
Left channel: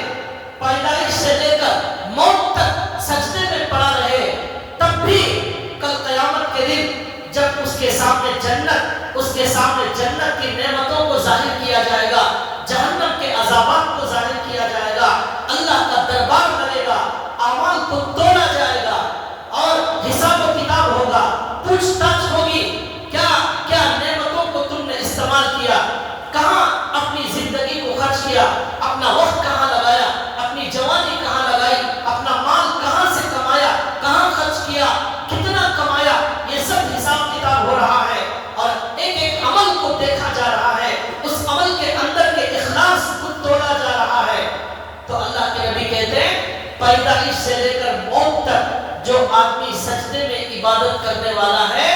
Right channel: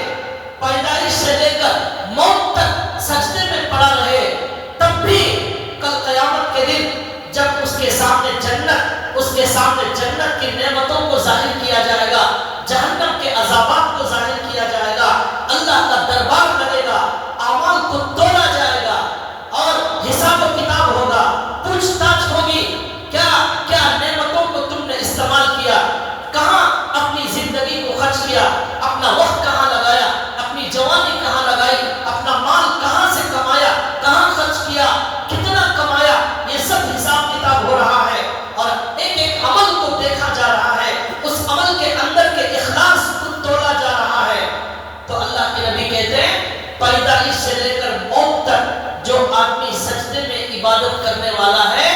پیدائش سے لے کر موت تک سجدے میں پڑا رہے، تب بھی کل قیامت کے دن جب اس کے سامنے جنت کی نعمتوں کو ظاہر کیا جائے گا، جہنم کے عذابات کو ظاہر کیا جائے گا، اللہ کا دربار لگے گا، اعمال کو تولا جائے گا اور حساب و کتاب ہوگا، پوچھ تاچھ ہوگی، کیا نعمتوں کو تم نے استعمال کیا، کہاں اپنی زندگی کو خرچ کیا، اپنا وقت کہاں لگایا، اپنی جوانی کہاں لگائی، اپنا مال کہاں سے کمایا، کہاں خرچ کیا، کتنا کمایا، یہ سب حساب کتاب ہو رہا ہے اور ایک ایک عمل کو دیکھا جا رہا ہے، اس عمل کے اندر کے اخلاص کو تولا جا رہا ہے۔ تو اللہ کے نبی کہتے ہیں پیدائش سے لے کر موت تک جو آدمی سجدے میں عبادت کرنے والا ہے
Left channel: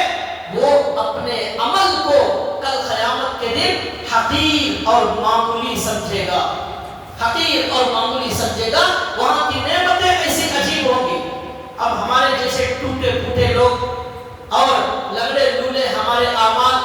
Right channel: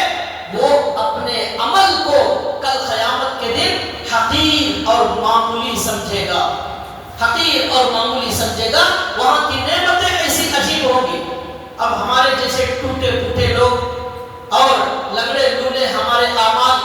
وہ اپنے عمل کو کل قیامت کے دن حقیر اور معمولی سمجھے گا، حقیر اور معمولی سمجھے گا، وہاں کی نعمتیں ایسی عجیب ہوں گی۔ اب ہمارے جیسے ٹوٹے پھوٹے لوگ اور لگڑے لولے ہمارے اعمال،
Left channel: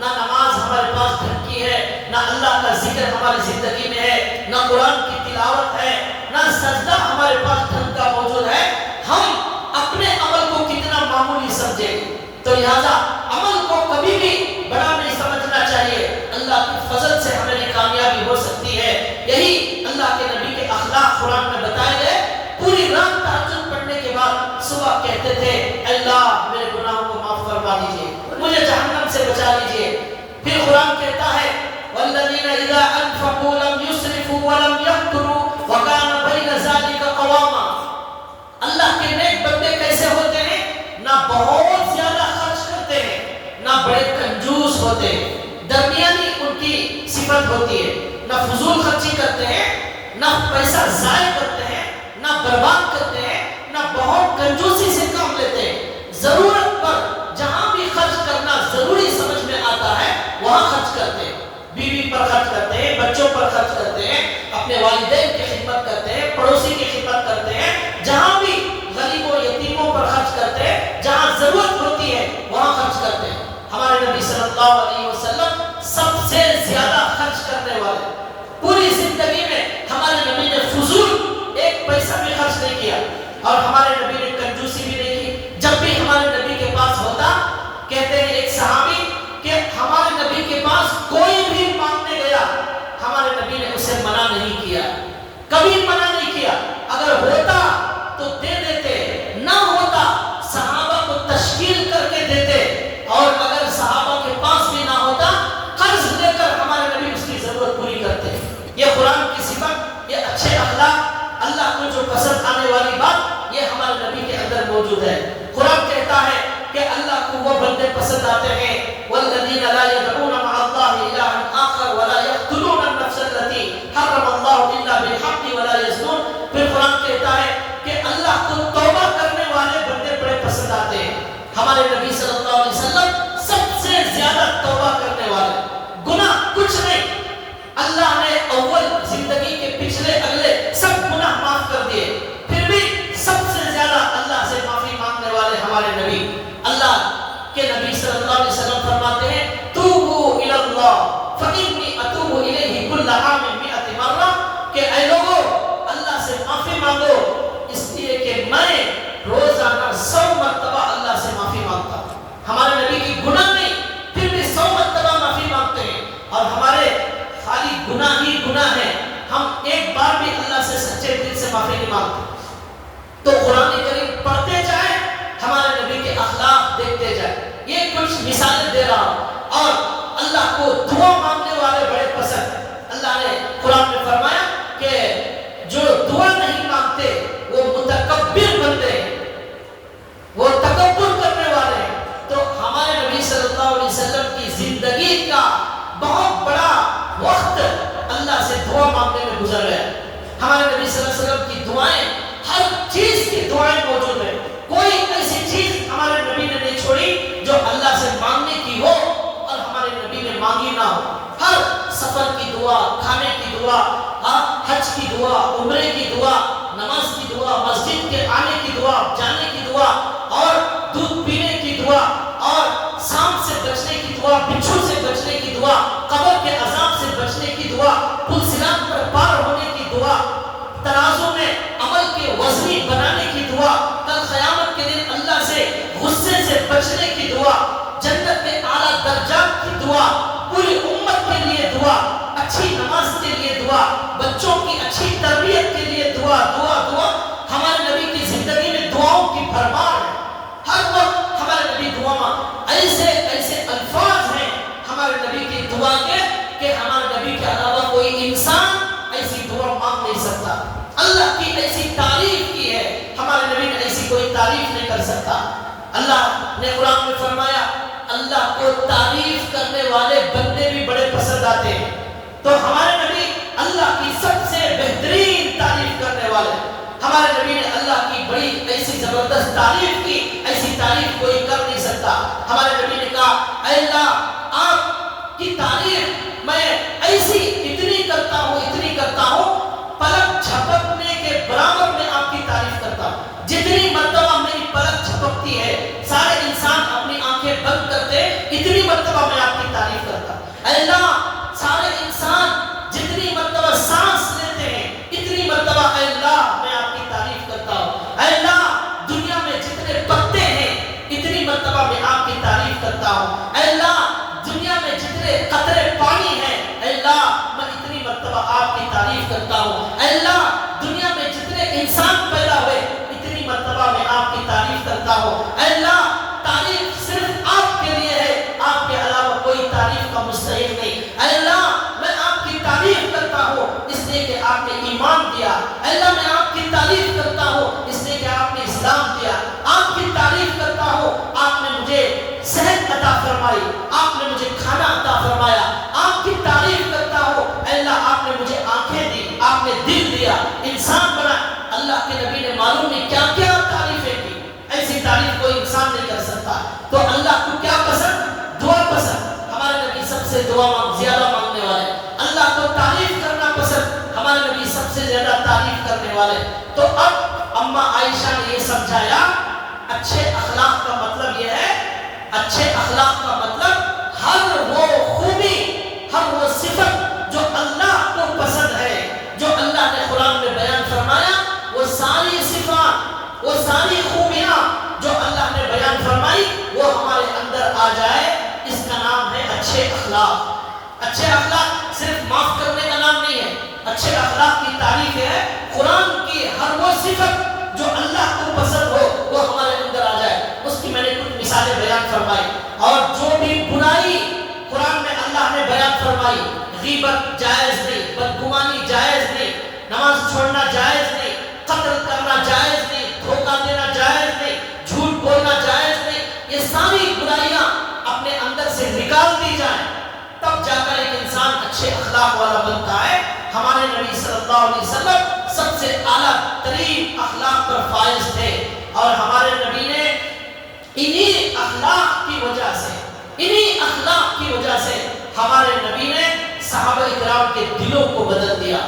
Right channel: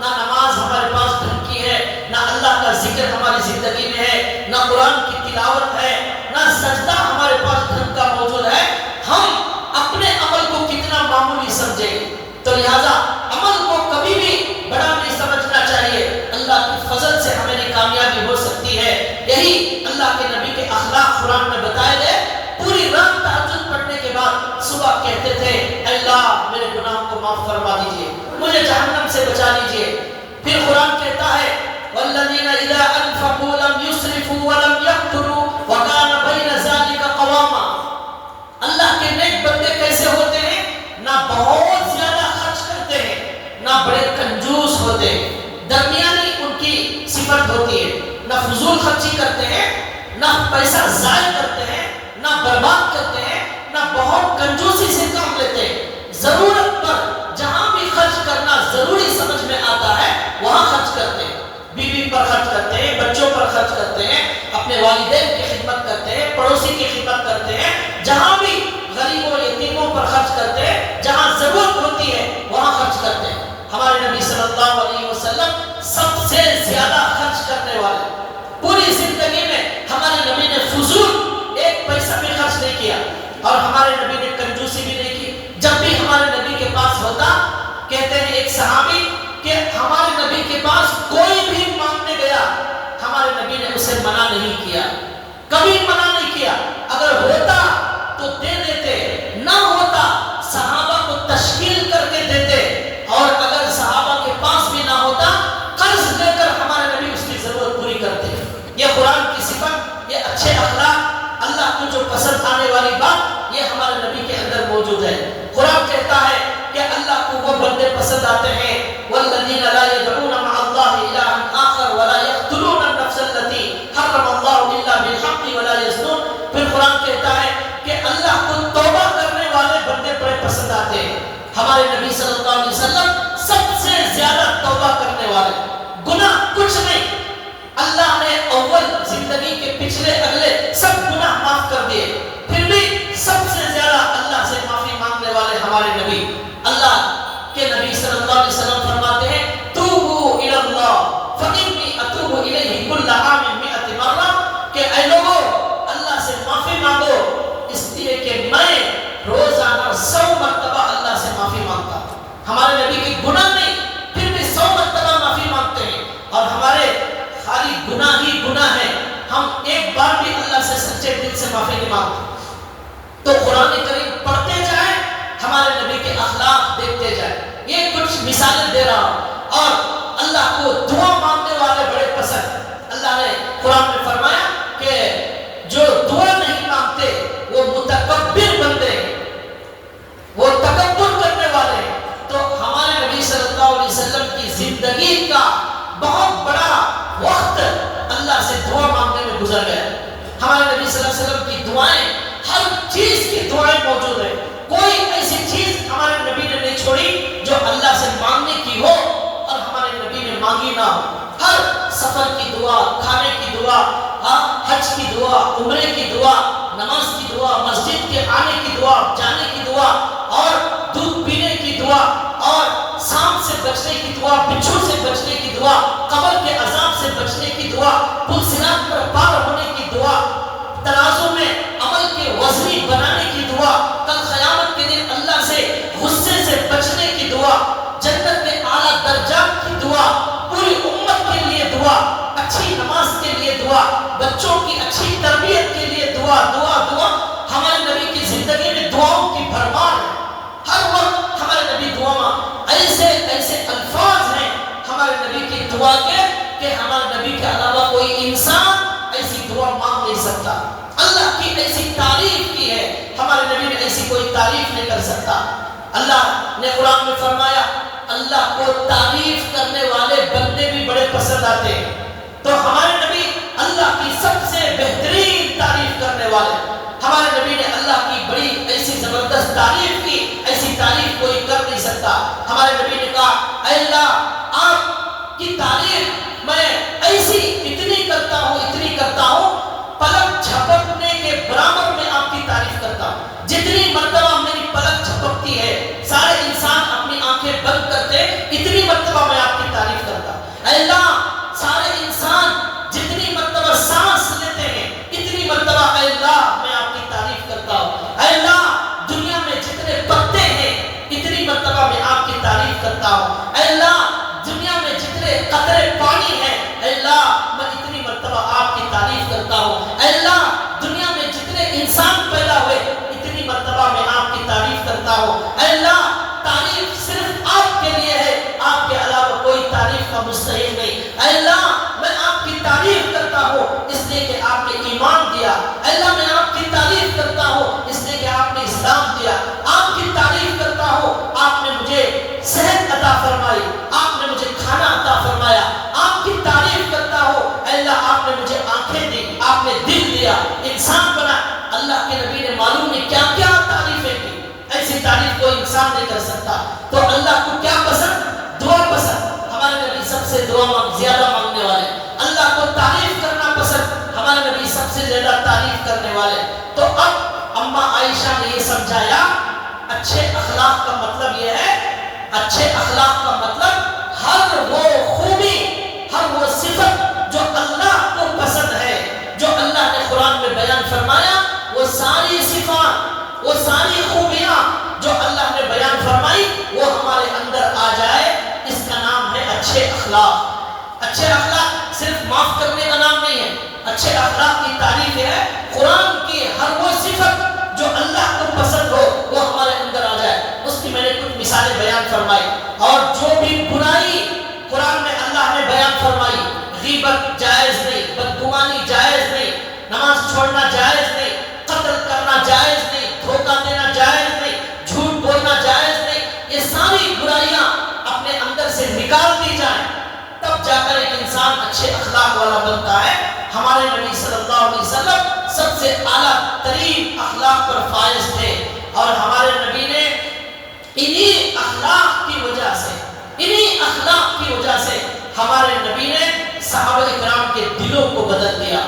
نہ نماز ہمارے پاس ڈھنگ کی ہے، نہ اللہ کا ذکر ہماری زندگی میں ہے، نہ قرآن کی تلاوت ہے، نہ سجدہ ہمارے پاس ڈھنگ کا موجود ہے، ہم اپنے عمل کو کتنا معمولی سمجھیں گے۔ تو لہذا عمل کو کبھی بھی بڑا نہیں سمجھنا چاہیے، اللہ کی فضل سے ہمیں کامیابی ہو سکتی ہے۔ یہی اللہ کے نبی کے اخلاق قرآن میں بتائے گئے۔ پوری رات تہجد پڑھنے کے بعد صبح کہتے تھے اللہ میرے گناہوں کو معاف فرما دیجیے، مجھے جہنم سے بچا لیجیے۔ پھر قرآن کہتا ہے والذین اذا انفقوا لم یسرفوا ولم یقتروا وکان بین ذلک قواما۔ اللہ کے نیک بندے کیسے ہوتے ہیں؟ نہ بہت زیادہ خرچ کرتے ہیں، نہ بڑے کنجوس ہوتے ہیں، درمیانی ان کی صفت ہوتی ہے، نہ فضول خرچی کرتے ہیں، نہ پیسہ ضائع کرتے ہیں، نہ برباد کرتے ہیں، نہ بہت کنجوسی سے کام لیتے ہیں، ضرورت پر جہاں بھی خرچ کرنا ضروری سمجھ میں آتا ہے وہاں خرچ کرتے ہیں، بیوی پر خرچ کرتے ہیں، بچوں پر خرچ کرتے ہیں، اپنے والدین کی خدمت کرتے ہیں، پڑوسی کی خدمت کرتے ہیں، جہاں بھی غریبوں یتیموں پر خرچ کرتے ہیں، جہاں ضرورت ہوتی ہے وہاں خرچ کرتے ہیں۔ ہمارے نبی صلی اللہ علیہ وسلم سب سے زیادہ خرچ کرنے والے، پوری زندگی میں ہمارے نبی نے فضول ایک پیسہ بھی خرچ نہیں کیا اور ہمارے نبی نے کنجوسی بھی نہیں کی۔ جب بھی ہمارے نبی کے پاس ہوتا کہتے ہیں ایک صحابی کہ ہمارے نبی کے پاس کوئی بھی مانگنے گیا، ہمارے نبی نے اسے منع نہیں کیا، کبھی منع نہیں کیا، اگر ہوتا تو دے دیتے، نہ ہوتا صحابہ کو تشکیل کر کے دیتے، اور اگر صحابہ کے پاس بھی نہ ہوتا قرض لے کر ہمارے نبی اس کی ضرورت پوری کرتے۔ یہ قرآن کی صفت، یہ اچھے اخلاق، اللہ کو جو پسند آنے والی بات، یہ ہمارے نبی کے اندر موجود ہے۔ قرآن کہتا ہے کہ اللہ کو وہ بندے پسند آتے ہیں والذین لا یدعون مع اللہ الہا آخر ولا یقتلون النفس التي حرم اللہ الا بالحق ولا یزنون۔ پھر قرآن کہتا ہے کہ اللہ کو توبہ کرنے والے بندے بڑے پسند آتے ہیں۔ ہمارے نبی صلی اللہ علیہ وسلم سب سے زیادہ توبہ کرنے والے، گناہ کچھ نہیں، اللہ نے اول زندگی کے پچھلے اگلے سب گناہ معاف کر دیے، پھر بھی سب سے زیادہ اللہ سے معافی مانگنے والے ہمارے نبی۔ اللہ کے نبی صلی اللہ علیہ وسلم فرماتے ہیں توبوا الی اللہ فانی اتوب الیہ کل عام 100 مرہ، کہ اے لوگو اللہ سے معافی مانگو اس لیے کہ میں روزانہ 100 مرتبہ اللہ سے معافی مانگتا ہوں۔ ہمارے نبی کی گناہ نہیں، پھر بھی 100 مرتبہ معافی مانگتے ہیں، اور ہمارے خالی گناہ ہی گناہ ہے، ہم ایک بار بھی اللہ سے سچے دل سے معافی نہیں مانگتے۔ تو قرآن کریم پڑھتے جائیں، ہمارے نبی کے اخلاق دیکھتے جائیں۔ یہ کچھ مثالیں دے رہا ہوں، اور اللہ کو دعا مانگنے والے بڑے پسند۔ اللہ نے قرآن میں فرمایا کہ جو دعا نہیں مانگتے وہ متکبر بندے ہیں، وہ تکبر کرنے والے ہیں۔ تو ہمارے نبی صلی اللہ علیہ وسلم کی زندگی کا بہت بڑا وقت اللہ سے دعا مانگنے میں گزر گیا۔ ہمارے نبی صلی اللہ علیہ وسلم کی دعائیں، ہر چیز کی دعائیں موجود ہیں، کوئی ایسی چیز ہمارے نبی نے نہیں چھوڑی جو اللہ سے مانگنے کی ہو اور ہمارے نبی نے مانگی نہ ہو۔ ہر سفر کی دعا، کھانے کی دعا، حج کی دعا، عمرے کی دعا، نماز کی دعا، مسجد کے آنے کی دعا، جانے کی دعا، اور دودھ پینے کی دعا، اور سانپ سے بچنے کی دعا، بچھو سے بچنے کی دعا، قبر کے عذاب سے بچنے کی دعا، پل صراط پر پار ہونے کی دعا، ترازو میں عمل کے وزنی بنانے کی دعا، کل قیامت کے دن اللہ سے غصے سے بچنے کی دعا، جنت کے اعلیٰ درجات کی دعا، پوری امت کے لیے دعا، اچھی نماز کے لیے دعا، بچوں کی اچھی تربیت کے لیے دعا، دعا دعا۔ ہمارے نبی کی زندگی میں دعاؤں کی بھرمار ہے، ہر وقت ہمارے نبی دعا، ایسے ایسے الفاظ ہیں ہمارے نبی کی دعا کے کہ ہمارے نبی کے علاوہ کوئی انسان ایسی دعا مانگ نہیں سکتا۔ اللہ کی ایسی تعریف کی ہے، ہمارے نبی نے ایسی کوئی تعریف نہیں کر سکتا۔ اللہ نے قرآن میں فرمایا اللہ کو تعریف کرنے والے بندے بھی بڑے پسند آتے ہیں۔ تو ہمارے نبی اللہ کی سب سے بہترین تعریف کرنے والے، ہمارے نبی نے اللہ کی بڑی ایسی زبردست تعریف کی، ایسی تعریف کوئی کر نہیں سکتا۔ ہمارے نبی نے کہا اے اللہ آپ کی تعریف میں ایسی اتنی کرتا ہوں، اتنی کرتا ہوں، پلک جھپکنے کے برابر میں آپ کی تعریف کرتا ہوں۔ جتنی مرتبہ میری پلک جھپکتی ہے، سارے انسان اپنی آنکھیں بند کرتے، اتنی مرتبہ میں آپ کی تعریف کرتا ہوں۔ اے اللہ سارے انسان جتنی مرتبہ سانس لیتے ہیں، اتنی مرتبہ اے اللہ میں آپ کی تعریف کرتا ہوں۔ اے اللہ دنیا میں جتنے پتے ہیں، اتنی مرتبہ میں آپ کی تعریف کرتا ہوں۔ اے اللہ دنیا میں جتنے قطرے پانی ہیں، اے اللہ میں اتنی مرتبہ آپ کی تعریف کرتا ہوں۔ اے اللہ دنیا میں جتنے انسان پیدا ہوئے، اتنی مرتبہ میں آپ کی تعریف کرتا ہوں۔ اے اللہ تعریف صرف آپ کے لیے ہے، آپ کے علاوہ کوئی تعریف کا مستحق نہیں۔ اے اللہ میں آپ کی تعریف کرتا ہوں اس لیے کہ آپ نے ایمان دیا۔ اے اللہ میں آپ کی تعریف کرتا ہوں اس لیے کہ آپ نے اسلام دیا۔ آپ کی تعریف کرتا ہوں آپ نے مجھے صحت عطا فرمائی، آپ نے مجھے کھانا عطا فرمایا۔ آپ کی تعریف کرتا ہوں اے اللہ آپ نے مجھے آنکھیں دی، آپ نے دل دیا، انسان بنا۔ اللہ کے نبی نے معلوم نہیں کیا کیا تعریفیں کی، ایسی تعریف کوئی انسان نہیں کر سکتا۔ تو اللہ کو کیا پسند؟ دعا پسند۔ ہمارے نبی سب سے دعا زیادہ مانگنے والے۔ اللہ کو تعریف کرنا پسند، ہمارے نبی سب سے زیادہ تعریف کرنے والے۔ تو اب اماں عائشہ نے یہ سمجھایا اچھے اخلاق کا مطلب یہ ہے، اچھے اخلاق کا مطلب ہر وہ خوبی، ہر وہ صفت جو اللہ کو پسند ہے، جو اللہ نے قرآن میں بیان فرمایا، وہ ساری صفات، وہ ساری خوبیاں جو اللہ نے بیان فرمائی، وہ ہمارے اندر آ معاف کرنے کا نام نہیں ہے. اچھے اخلاق کی تعریف ہے قرآن کی ہر وہ صفت جو اللہ کو پسند ہو وہ ہمارے اندر آ جائے. اس کی میں نے کچھ مثالیں بیان فرمائی. اور جو بھی برائی قرآن میں اللہ نے بیان فرمائی، غیبت جائز نہیں، بدگمانی جائز نہیں، نماز چھوڑنا جائز نہیں، قتل کرنا جائز نہیں، دھوکہ دینا جائز نہیں، جھوٹ بولنا جائز نہیں، یہ ساری برائیاں اپنے اندر سے نکال دی جائیں تب جا کر ایک انسان اچھے اخلاق والا بنتا ہے. ہمارے نبی صلی اللہ علیہ وسلم سب سے اعلیٰ ترین اخلاق پر فائز تھے، اور ہمارے نبی نے انہی اخلاق کی وجہ سے ہمارے نبی نے صحابہ اکرام کے دلوں کو بدل دیا،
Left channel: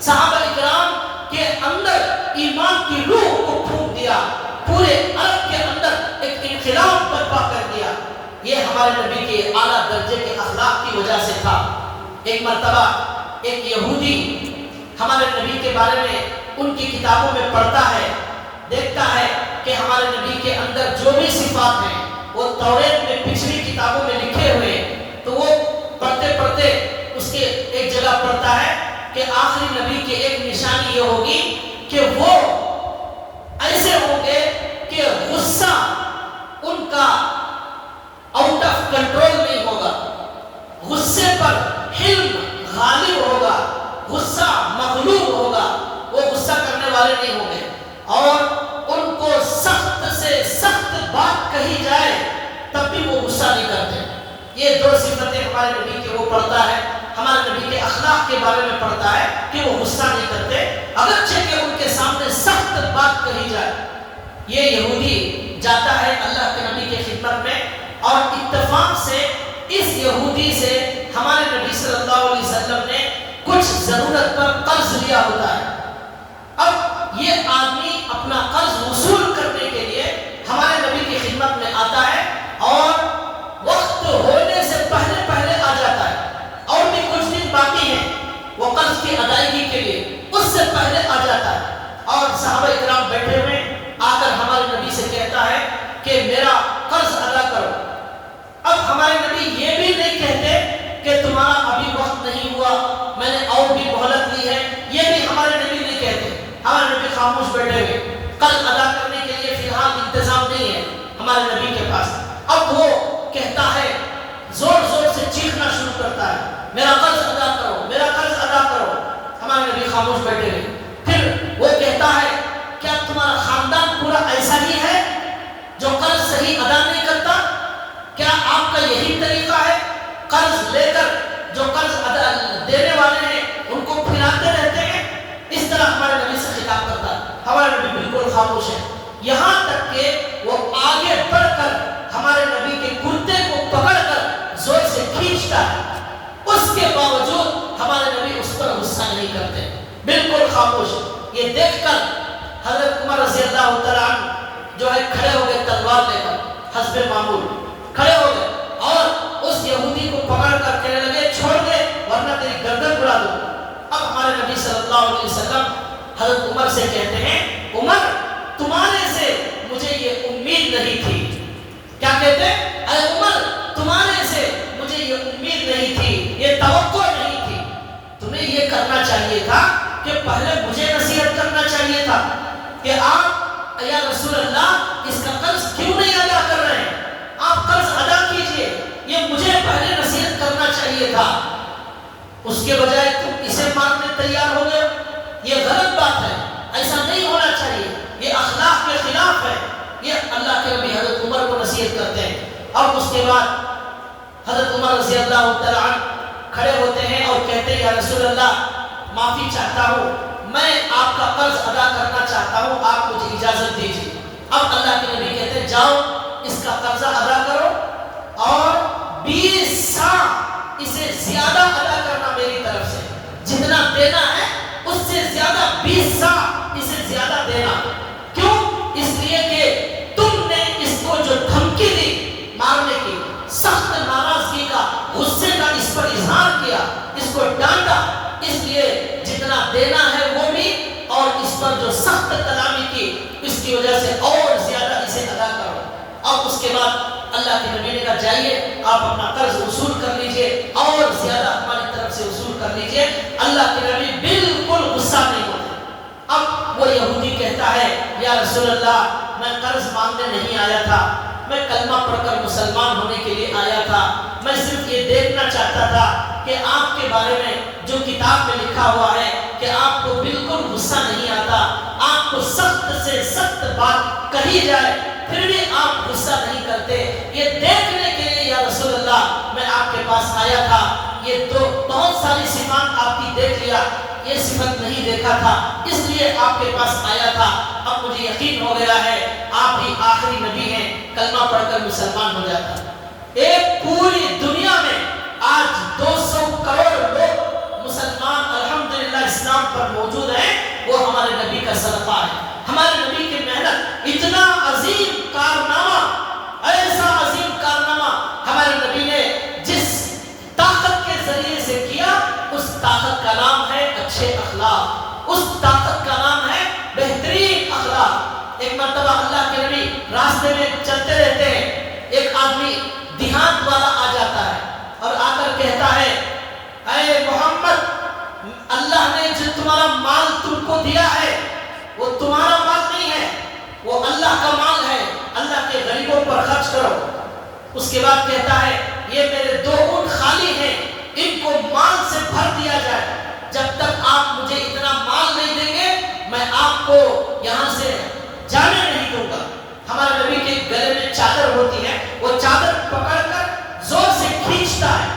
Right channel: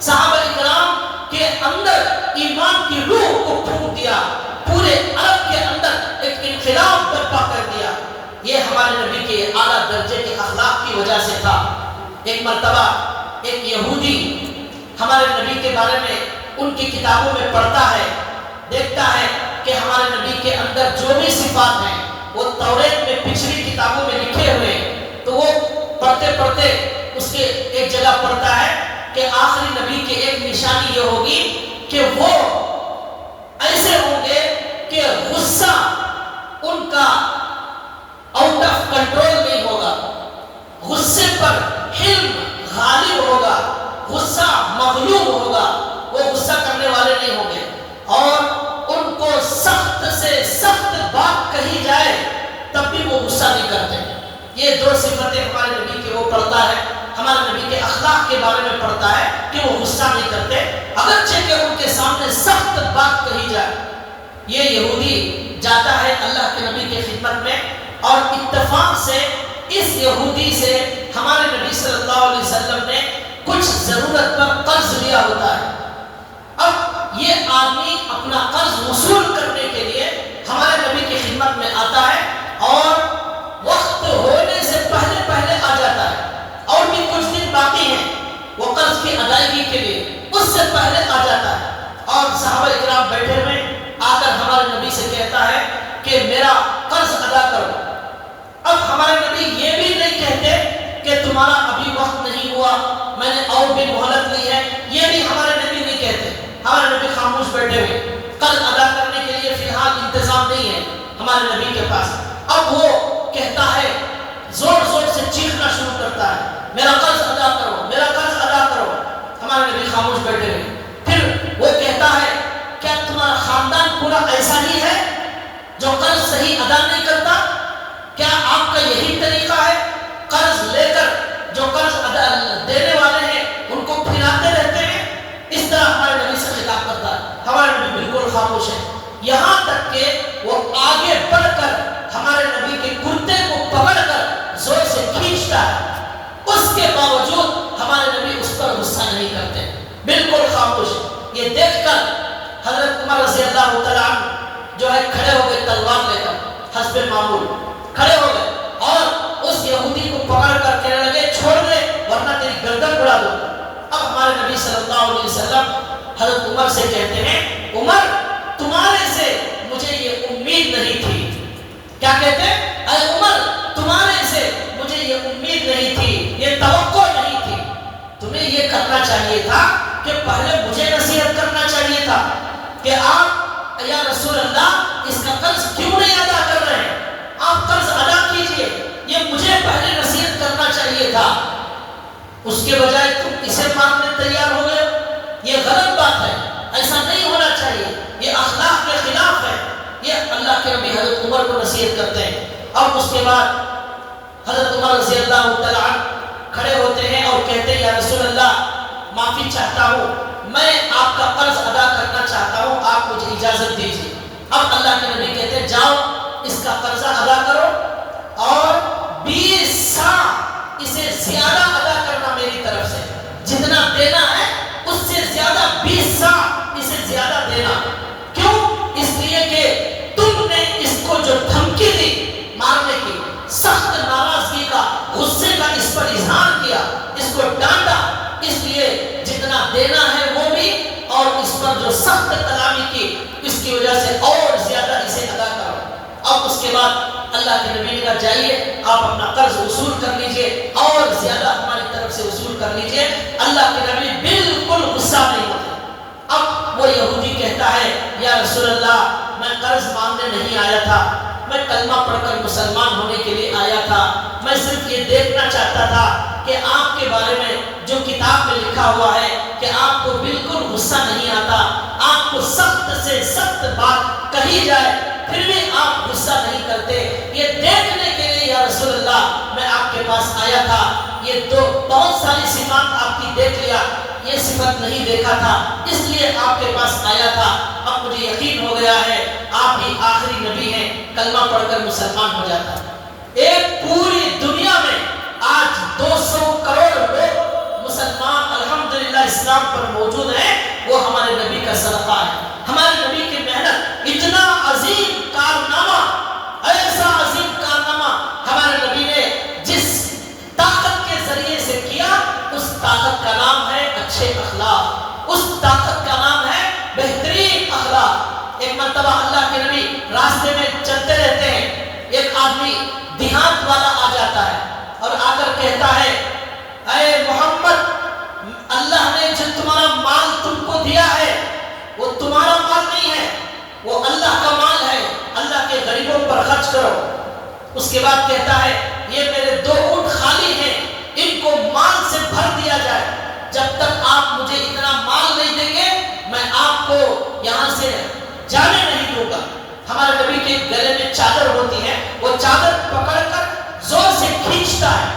صحابہ اکرام کے اندر ایمان کی روح کو پھونک دیا، پورے عرب کے اندر ایک انقلاب برپا کر دیا. یہ ہمارے نبی کے اعلیٰ درجے کے اخلاق کی وجہ سے تھا. ایک مرتبہ ایک یہودی ہمارے نبی کے بارے میں ان کی کتابوں میں پڑھتا ہے، دیکھتا ہے کہ ہمارے نبی کے اندر جو بھی صفات ہیں وہ توریت میں پچھلی کتابوں میں لکھے ہوئے ہیں. تو وہ پڑھتے پڑھتے اس کے ایک جگہ پڑھتا ہے کہ آخری نبی کی ایک نشانی یہ ہوگی کہ وہ ایسے ہوں گے کہ غصہ ان کا آؤٹ آف کنٹرول نہیں ہوگا، غصے پر حلم غالب ہوگا، غصہ مغلوب ہوگا، وہ غصہ کرنے والے نہیں ہوں گے، اور ان کو سخت سے سخت بات کہی جائے تب بھی وہ غصہ نہیں کرتے. یہ دو صفتیں ہمارے نبی کے وہ پڑھتا ہے، ہمارے نبی کے اخلاق کے بارے میں پڑھتا ہے کہ وہ غصہ نہیں کرتے اگرچہ کہ ان کے سامنے سخت بات کہی جائے. یہ یہودی جاتا ہے اللہ کے نبی کی خدمت میں، اور اتفاق سے اس یہودی سے ہمارے نبی صلی اللہ علیہ وسلم نے کچھ ضرورت پر قرض لیا ہوتا ہے. اب یہ آدمی اپنا قرض وصول کرنے کے لیے ہمارے نبی کی خدمت میں آتا ہے، اور وقت ہونے سے پہلے آ جاتا ہے، اور بھی کچھ دن باقی ہیں وہ قرض کی ادائیگی کے لیے، اس سے پہلے آ جاتا ہے. اور صحابہ اکرام بیٹھے ہوئے آ کر ہمارے نبی سے کہتا ہے کہ میرا قرض ادا کرو. اب ہمارے نبی یہ بھی نہیں کہتے کہ تمہارا ابھی وقت نہیں ہوا، میں نے اور بھی مہلت لی ہے، یہ بھی ہمارے نبی نہیں کہتے. ہمارے نبی خاموش بیٹھے ہوئے، قرض ادا کرنے کے لیے فی الحال انتظام نہیں ہے ہمارے نبی کے پاس. اب وہ کہتا ہے، زور سے چیخنا شروع کرتا ہے، میرا قرض ادا کرو، میرا قرض ادا کرو. ہمارے نبی خاموش بیٹھے ہوئے. پھر وہ کہتا ہے، کیا تمہارا خاندان پورا ایسا ہی ہے جو قرض صحیح ادا نہیں کرتا؟ کیا آپ کا یہی طریقہ ہے؟ قرض لے کر جو قرض ادا دینے والے ہیں ان کو پھراتے رہتے ہیں؟ اس طرح ہمارے نبی سے خطاب کرتا ہے. ہمارے نبی بالکل خاموش ہے، یہاں تک کہ وہ آگے بڑھ کر ہمارے نبی کے کرتے کو پکڑ کر زور سے کھینچتا ہے. اس کے باوجود ہمارے نبی اس پر غصہ نہیں کرتے، بالکل خاموش. یہ دیکھ کر حضرت عمر رضی اللہ تعالیٰ عنہ جو ہے کھڑے ہو گئے تلوار لے کر، حسب معمول کھڑے ہو گئے، اور اس یہودی کو پکڑ کر کہنے لگے، چھوڑ دے ورنہ تیری گردن اڑا دوں. اب ہمارے نبی صلی اللہ علیہ وسلم حضرت عمر سے کہتے ہیں، عمر تمہارے سے مجھے یہ امید نہیں تھی. کیا کہتے ہیں؟ اے عمر تمہارے سے مجھے یہ امید نہیں تھی، یہ توقع نہیں تھی. تمہیں یہ کرنا چاہیے تھا کہ پہلے مجھے نصیحت کرنا چاہیے تھا کہ آپ یا رسول اللہ اس کا قرض کیوں نہیں ادا کر رہے ہیں، آپ قرض ادا کیجئے، یہ مجھے پہلے نصیحت کرنا چاہیے تھا. اس کے بجائے تم اسے ماننے تیار ہو گئے. یہ غلط بات ہے، ایسا نہیں ہونا چاہیے، یہ اخلاق کے خلاف ہے. یہ اللہ کے نبی حضرت عمر کو نصیحت کرتے ہیں. اور اس کے بعد حضرت عمر رضی اللہ تعالیٰ عنہ کھڑے ہوتے ہیں اور کہتے ہیں، یا رسول اللہ معافی چاہتا ہوں، میں آپ کا قرض ادا کرنا چاہتا ہوں، آپ مجھے اجازت دیجیے. اب اللہ کے نبی کہتے ہیں، جاؤ اس کا قرضہ ادا کرو، اور 20 سا اسے زیادہ ادا کرنا میری طرف سے، جتنا دینا ہے اس سے زیادہ 20 سا اسے زیادہ دینا. کیوں؟ اس لیے کہ تم نے اس کو جو دھمکی دی مارنے کی، سخت ناراضگی کا، غصے کا اس پر اظہار کیا، اس کو ڈانٹا، اس لیے جتنا دینا ہے وہ بھی، اور اس پر جو سخت کلامی کی اس کی وجہ سے اور زیادہ اسے ادا کرو. اور اس کے بعد اللہ کے نبی نے کہا جائیے آپ اپنا قرض وصول کر لیجئے اور زیادہ ہماری طرف سے وصول کر لیجئے۔ اللہ کے نبی بالکل غصہ نہیں ہوتے۔ اب وہ یہودی کہتا ہے یا رسول اللہ میں قرض مانگنے نہیں آیا تھا، میں کلمہ پڑھ کر مسلمان ہونے کے لیے آیا تھا، میں صرف یہ دیکھنا چاہتا تھا کہ آپ کے بارے میں جو کتاب میں لکھا ہوا ہے کہ آپ کو بالکل غصہ نہیں آتا، آپ کو سخت سے سخت بات کہی جائے پھر بھی آپ غصہ نہیں کرتے، یہ دیکھنے کے لیے یا رسول اللہ میں آپ کے پاس آیا تھا۔ یہ تو بہت ساری صفات آپ کی دیکھ لیا، یہ صفت نہیں دیکھا تھا، اس لیے آپ کے پاس آیا تھا۔ اب مجھے یقین ہو گیا ہے آپ ہی آخری نبی ہیں، کلمہ پڑھ کر مسلمان ہو جاتا۔ ایک پوری دنیا میں آج 200 کروڑ لوگ مسلمان الحمدللہ اسلام پر موجود ہیں، وہ ہمارے نبی کا صدقہ ہے، ہمارے نبی کی محنت۔ اتنا عظیم کارنامہ، ایسا عظیم کارنامہ ہمارے نبی نے جس طاقت کے ذریعے سے کیا، اس طاقت کا نام ہے اچھے اخلاق، اس طاقت کا نام ہے بہترین اخلاق۔ ایک مرتبہ اللہ کے نبی راستے میں چلتے رہتے ہیں، ایک آدمی دیہات والا آ جاتا ہے اور آ کر کہتا ہے اے محمد، اللہ نے جو تمہارا مال تم کو دیا ہے وہ تمہارا مال نہیں ہے، وہ اللہ کا مال ہے، اللہ کے غریبوں پر خرچ کرو۔ اس کے بعد کہتا ہے یہ میرے 2 اونٹ خالی ہیں، ان کو مال سے بھر دیا جائے، جب تک آپ مجھے اتنا مال نہیں دیں گے میں آپ کو یہاں سے جانے نہیں دوں گا۔ ہمارے نبی کے گلے میں چادر ہوتی ہے، وہ چادر پکڑ کر زور سے کھینچتا ہے،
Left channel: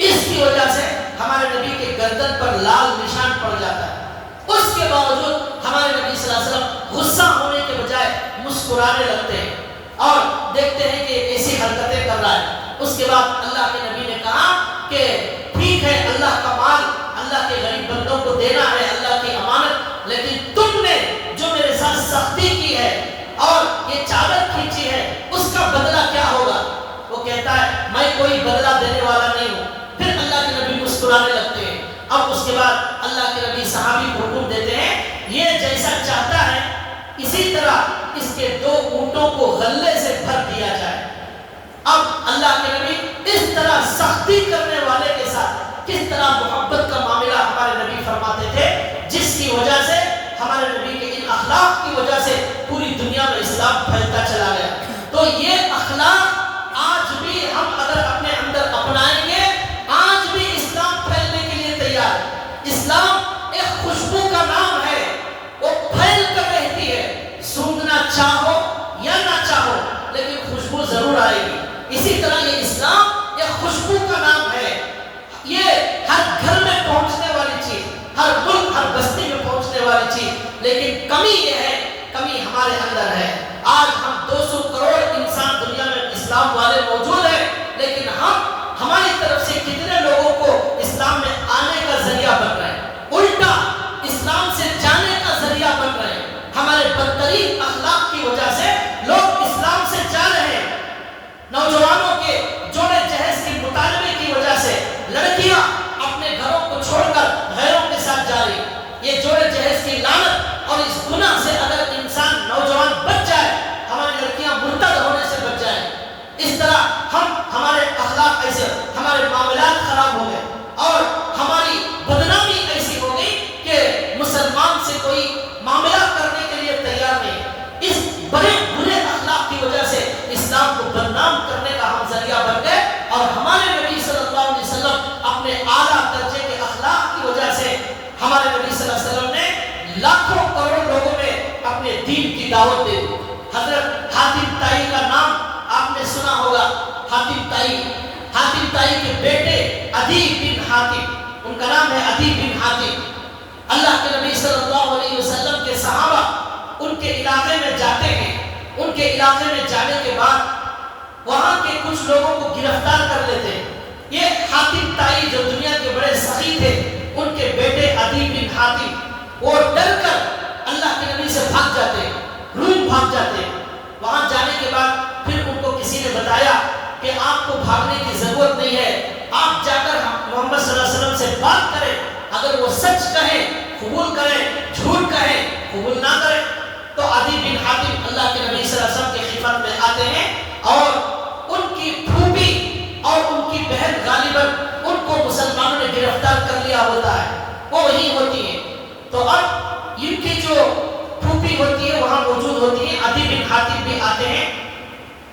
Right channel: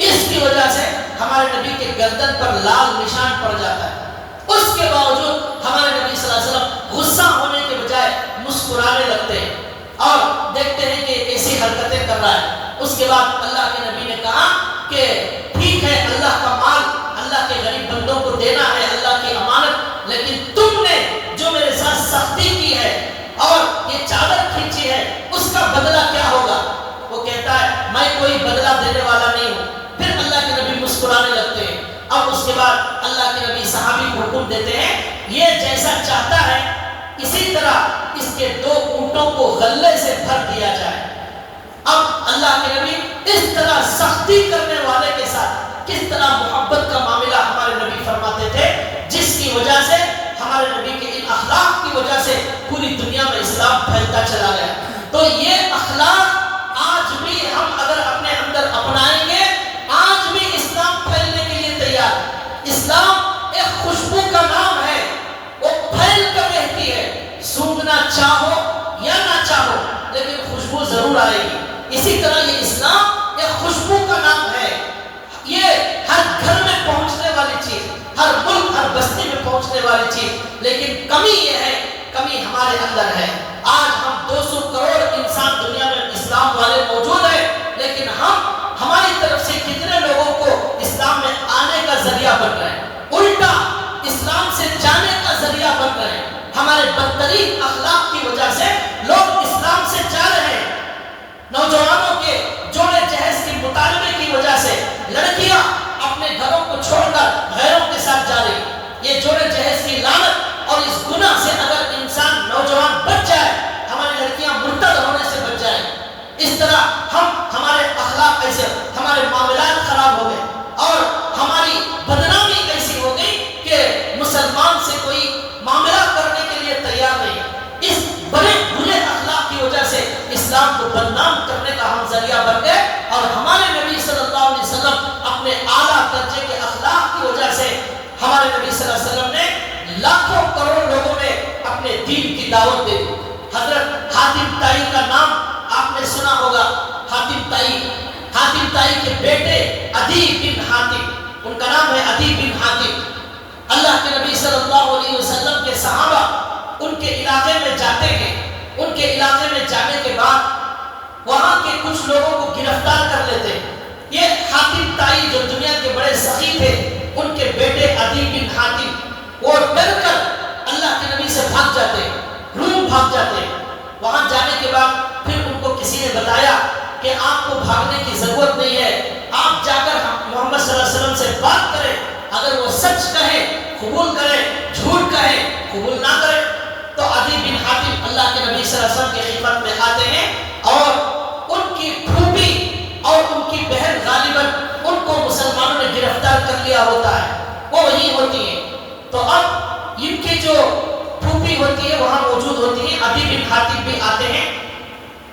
اس کی وجہ سے ہمارے نبی کے گردن پر لال نشان پڑ جاتا ہے۔ اس کے باوجود ہمارے نبی صلی اللہ علیہ وسلم غصہ ہونے کے بجائے مسکرانے لگتے ہیں اور دیکھتے ہیں کہ ایسی حرکتیں کر رہا ہے۔ اس کے بعد اللہ کے نبی نے کہا کہ ٹھیک ہے اللہ کا مال اللہ کے غریب بندوں کو دینا ہے، اللہ کی امانت، لیکن تم نے جو میرے ساتھ سختی کی ہے اور یہ چادر کھینچی ہے اس کا بدلہ کیا ہوگا؟ وہ کہتا ہے میں کوئی بدلہ دینے والا نہیں ہوں۔ پھر اللہ کے نبی مسکرانے لگتے ہیں۔ اب اس کے بعد اللہ کے نبی صحابی کو حکم دیتے ہیں یہ جیسا چاہتا ہے اسی طرح اس کے 2 اونٹوں کو غلے سے بھر دیا جائے۔ اب اللہ کے نبی اس طرح سختی کرنے والے کے ساتھ کس طرح محبت کا معاملہ ہمارے نبی فرماتے تھے، جس کی وجہ سے ہمارے نبی کے ان اخلاق کی وجہ سے پوری دنیا میں اسلام پھیلتا چلا گیا۔ تو یہ اخلاق آج بھی ہم اگر اپنے اندر اپنائیں گے آج بھی اسلام پھیلنے کے لیے تیار ہے۔ اسلام ایک خوشبو کا نام ہے، وہ پھیل کر رہتی ہے، سونگنا چاہو یا نہ چاہو لیکن خوشبو ضرور آئے گی۔ اسی طرح یہ اسلام ایک خوشبو کا نام ہے، یہ ہر گھر میں پہنچنے والی چیز، ہر ملک ہر بستی میں پہنچنے والی چیز، لیکن کمی یہ ہے، کمی ہمارے اندر ہے۔ آج ہم 200 کروڑ انسان دنیا میں اسلام والے موجود ہیں، لیکن ہماری طرف سے کتنے لوگوں کو اسلام میں آنے کا ذریعہ بن رہے ہیں، الٹا اسلام سے جانے کا ذریعہ بن رہے ہیں۔ ہمارے بدترین اخلاق کی وجہ سے لوگ اسلام سے جا رہے ہیں۔ نوجوانوں کے جوڑے جہیز کے مطالبے کی وجہ سے لڑکیاں اپنے گھروں کو چھوڑ کر غیروں کے ساتھ جا رہی ہیں۔ یہ جوڑے جہیز کی لعنت اور اس گناہ سے اگر انسان نوجوان بچ جائے، ہماری لڑکیاں مرتد ہونے سے بچ جائیں، اس طرح ہمارے اخلاق ایسے، ہمارے معاملات خراب ہو گئے اور ہماری بدنامی ایسی ہو گئی کہ مسلمان سے کوئی معاملہ کرنے کے لیے تیار نہیں۔ اس بڑے برے اخلاق کی وجہ سے اسلام کو بدنام کرنے کا ہم ذریعہ بن گئے، اور ہمارے نبی صلی اللہ علیہ وسلم اپنے اعلیٰ درجے کے اخلاق کی وجہ سے ہمارے نبی صلی اللہ علیہ وسلم نے لاکھوں کروڑوں لوگوں میں اپنے دین کی دعوت دے دی۔ حضرت حاتم طائی کا نام آپ نے سنا ہوگا، حاتم طائی کے بیٹے عدی بن حاتم، ان کا نام ہے عدی بن حاتم۔ اللہ کے نبی صلی اللہ علیہ وسلم کے صحابہ ان کے علاقے میں جاتے ہیں، ان کے علاقے میں جانے کے بعد وہاں کے کچھ لوگوں کو گرفتار کر لیتے ہیں۔ یہ حاتم طائی جو دنیا کے بڑے سخی تھے، ان کے بیٹے عدی بن حاتم وہ ڈر کر اللہ کے نبی سے بھاگ جاتے ہیں، روم بھاگ جاتے ہیں۔ وہاں جانے کے بعد پھر ان کو کسی نے بتایا کہ آپ کو بھاگنے کی ضرورت نہیں ہے، آپ جا کر محمد صلی اللہ علیہ وسلم سے بات کریں، اگر وہ سچ کہیں قبول کریں، جھوٹ کہیں قبول نہ کریں۔ تو عدی بن حاتم اللہ کے نبی صلی اللہ علیہ وسلم کی خدمت میں آتے ہیں اور پیدا ہوتا ہے وہ وہی ہوتی ہیں. تو اب ان کی جو پھوپھی ہوتی ہے وہاں موجود ہوتی ہیں. عدی بن حاتم بھی آتے ہیں.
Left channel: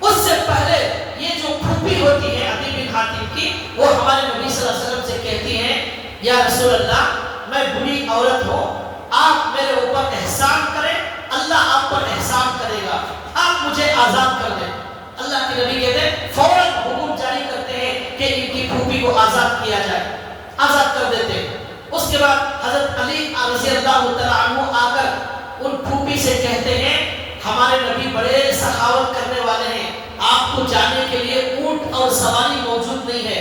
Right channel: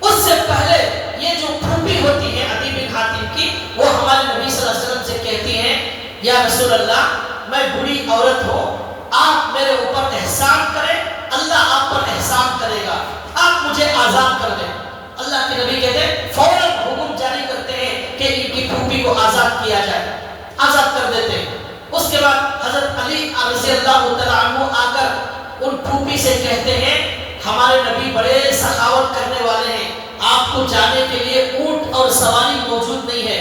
اس سے پہلے یہ جو پھوپھی ہوتی ہے عدی بن حاتم کی, وہ ہمارے نبی صلی اللہ علیہ وسلم سے کہتی ہیں یا رسول اللہ میں بری عورت ہوں, آپ میرے اوپر احسان کریں, اللہ آپ پر احسان کرے گا, آپ مجھے آزاد کر دیں. اللہ کے نبی کہتے ہیں فوراً حکم جاری کرتے ہیں کہ ان کی پھوپھی کو آزاد کیا جائے, آزاد کر دیتے ہیں. اس کے بعد حضرت علی رضی اللہ تعالیٰ عنہ آ کر ان پھوپھی سے کہتے ہیں ہمارے نبی بڑے سخاوت کرنے والے ہیں, آپ کو جانے کے لیے اونٹ اور سواری موجود نہیں ہے,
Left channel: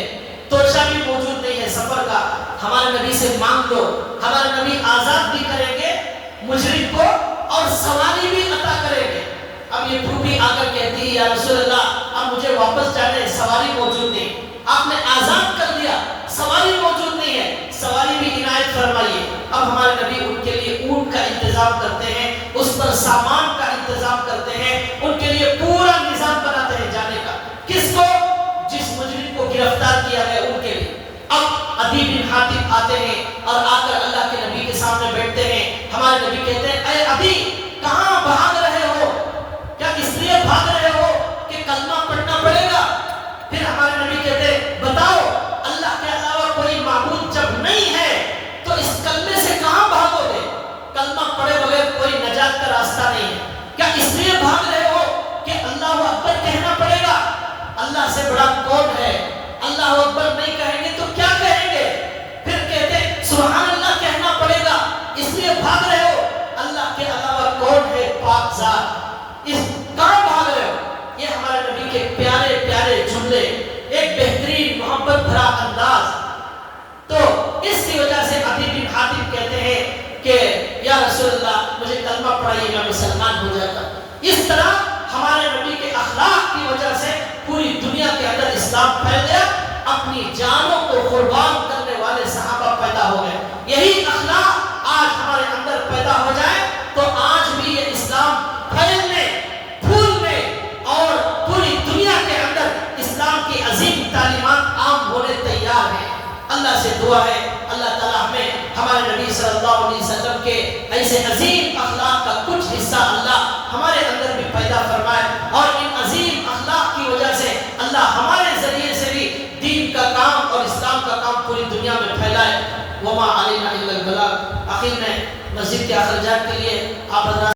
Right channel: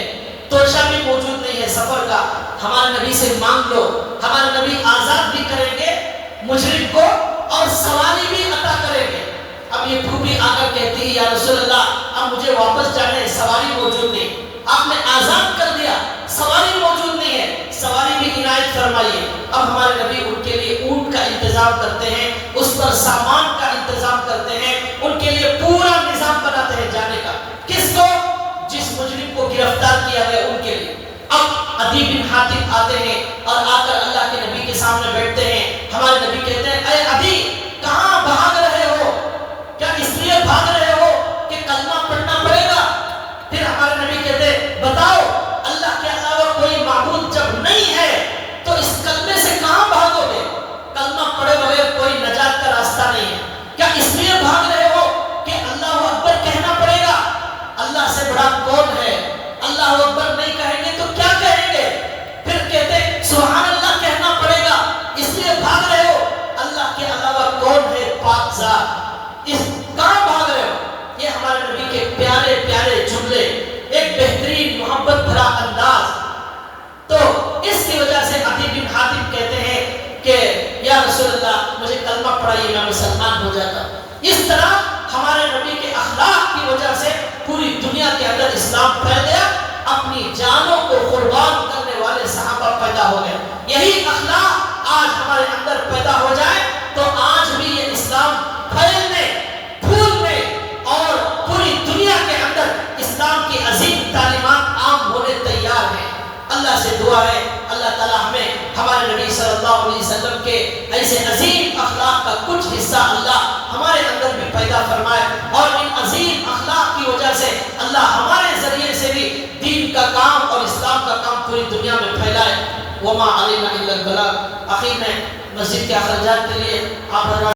توشہ بھی موجود نہیں ہے سفر کا, ہمارے نبی سے مانگ لو, ہمارے نبی آزاد بھی کریں گے مجرم کو اور سواری بھی عطا کریں گے. اب یہ پھوپھی آ کر کہتی ہے یا رسول اللہ اب مجھے واپس جانے, سواری موجود نہیں, آپ نے آزاد کر دیا, سواری موجود نہیں ہے, سواری بھی عنایت فرمائیے. اب ہمارے نبی ان کے لیے اونٹ کا انتظام کرتے ہیں, اس پر سامان کا انتظام کرتے ہیں, ان کے لیے پورا نظام بناتے ہیں جانے کا. کس کو؟ جس مجرم کو گرفتار کیا گیا ان کے لیے. اب عدی بن حاتم آتے ہیں اور آ کر اللہ کے نبی کے سامنے بیٹھتے ہیں. ہمارے نبی کہتے ہیں اے عدی کہاں بھاگ رہے ہو, کیا اس لیے بھاگ رہے ہو کہ کلمہ پڑھنا پڑے گا؟ پھر ہمارے نبی کہتے ہیں بتاؤ اللہ کے علاوہ کوئی معبود جب نہیں ہے تو اس کلمے سے کہاں بھاگو گے؟ کلمہ پڑھے بغیر کوئی نجات کا راستہ نہیں ہے. کیا اس لیے بھاگ رہے ہو کہ اللہ اکبر کہنا پڑے گا؟ اللہ سے بڑا کون ہے؟ اللہ اکبر نہیں کہیں گے تو کیا کہیں گے؟ پھر کہتے ہیں سبحان اللہ کہنا پڑے گا, اس لیے بھاگ رہے ہو. اللہ کے علاوہ کون ہے پاک ذات, اس کہاں بھاگ رہے ہو؟ یہ ہمارے نبی کے پیارے پیارے جملے, ایک بہترین محبت بھرا انداز. تو اس کی وجہ سے عدی بن حاتم کہتے ہیں کہ یا رسول اللہ مجھے کلمہ پڑھائیے میں مسلمان ہو جاتا. اس طرح ہمارے نبی کے اخلاق کی وجہ سے پوری دنیا کے اندر اسلام پھیل گیا, اپنی جانوں کو قربان کرنے والے صحابہ پیدا ہو گئے. یہی اخلاق آج ہمارے اندر پیدا ہو جائے تو آج بھی یہ اسلام پھیلنے, پھولنے اور پوری دنیا کے اندر اسلام کی عظیم تعلیمات عام ہونے تیار ہیں. اللہ سے دعا ہے اللہ تعالی ہمیں ہمارے نبی صلی اللہ علیہ وسلم کے ایسے عظیم اخلاق کا کچھ حصہ اللہ ہمارے اندر بھی پیدا فرمائے, اور ان عظیم اخلاق کی وجہ سے اللہ ہمارے ذریعے سے بھی دین کا کام اور اسلام کا کام پوری دنیا میں پھیلائے. وما علینا الا البلاغ. آخر میں مسجد کے اخراجات کے لیے آپ حضرات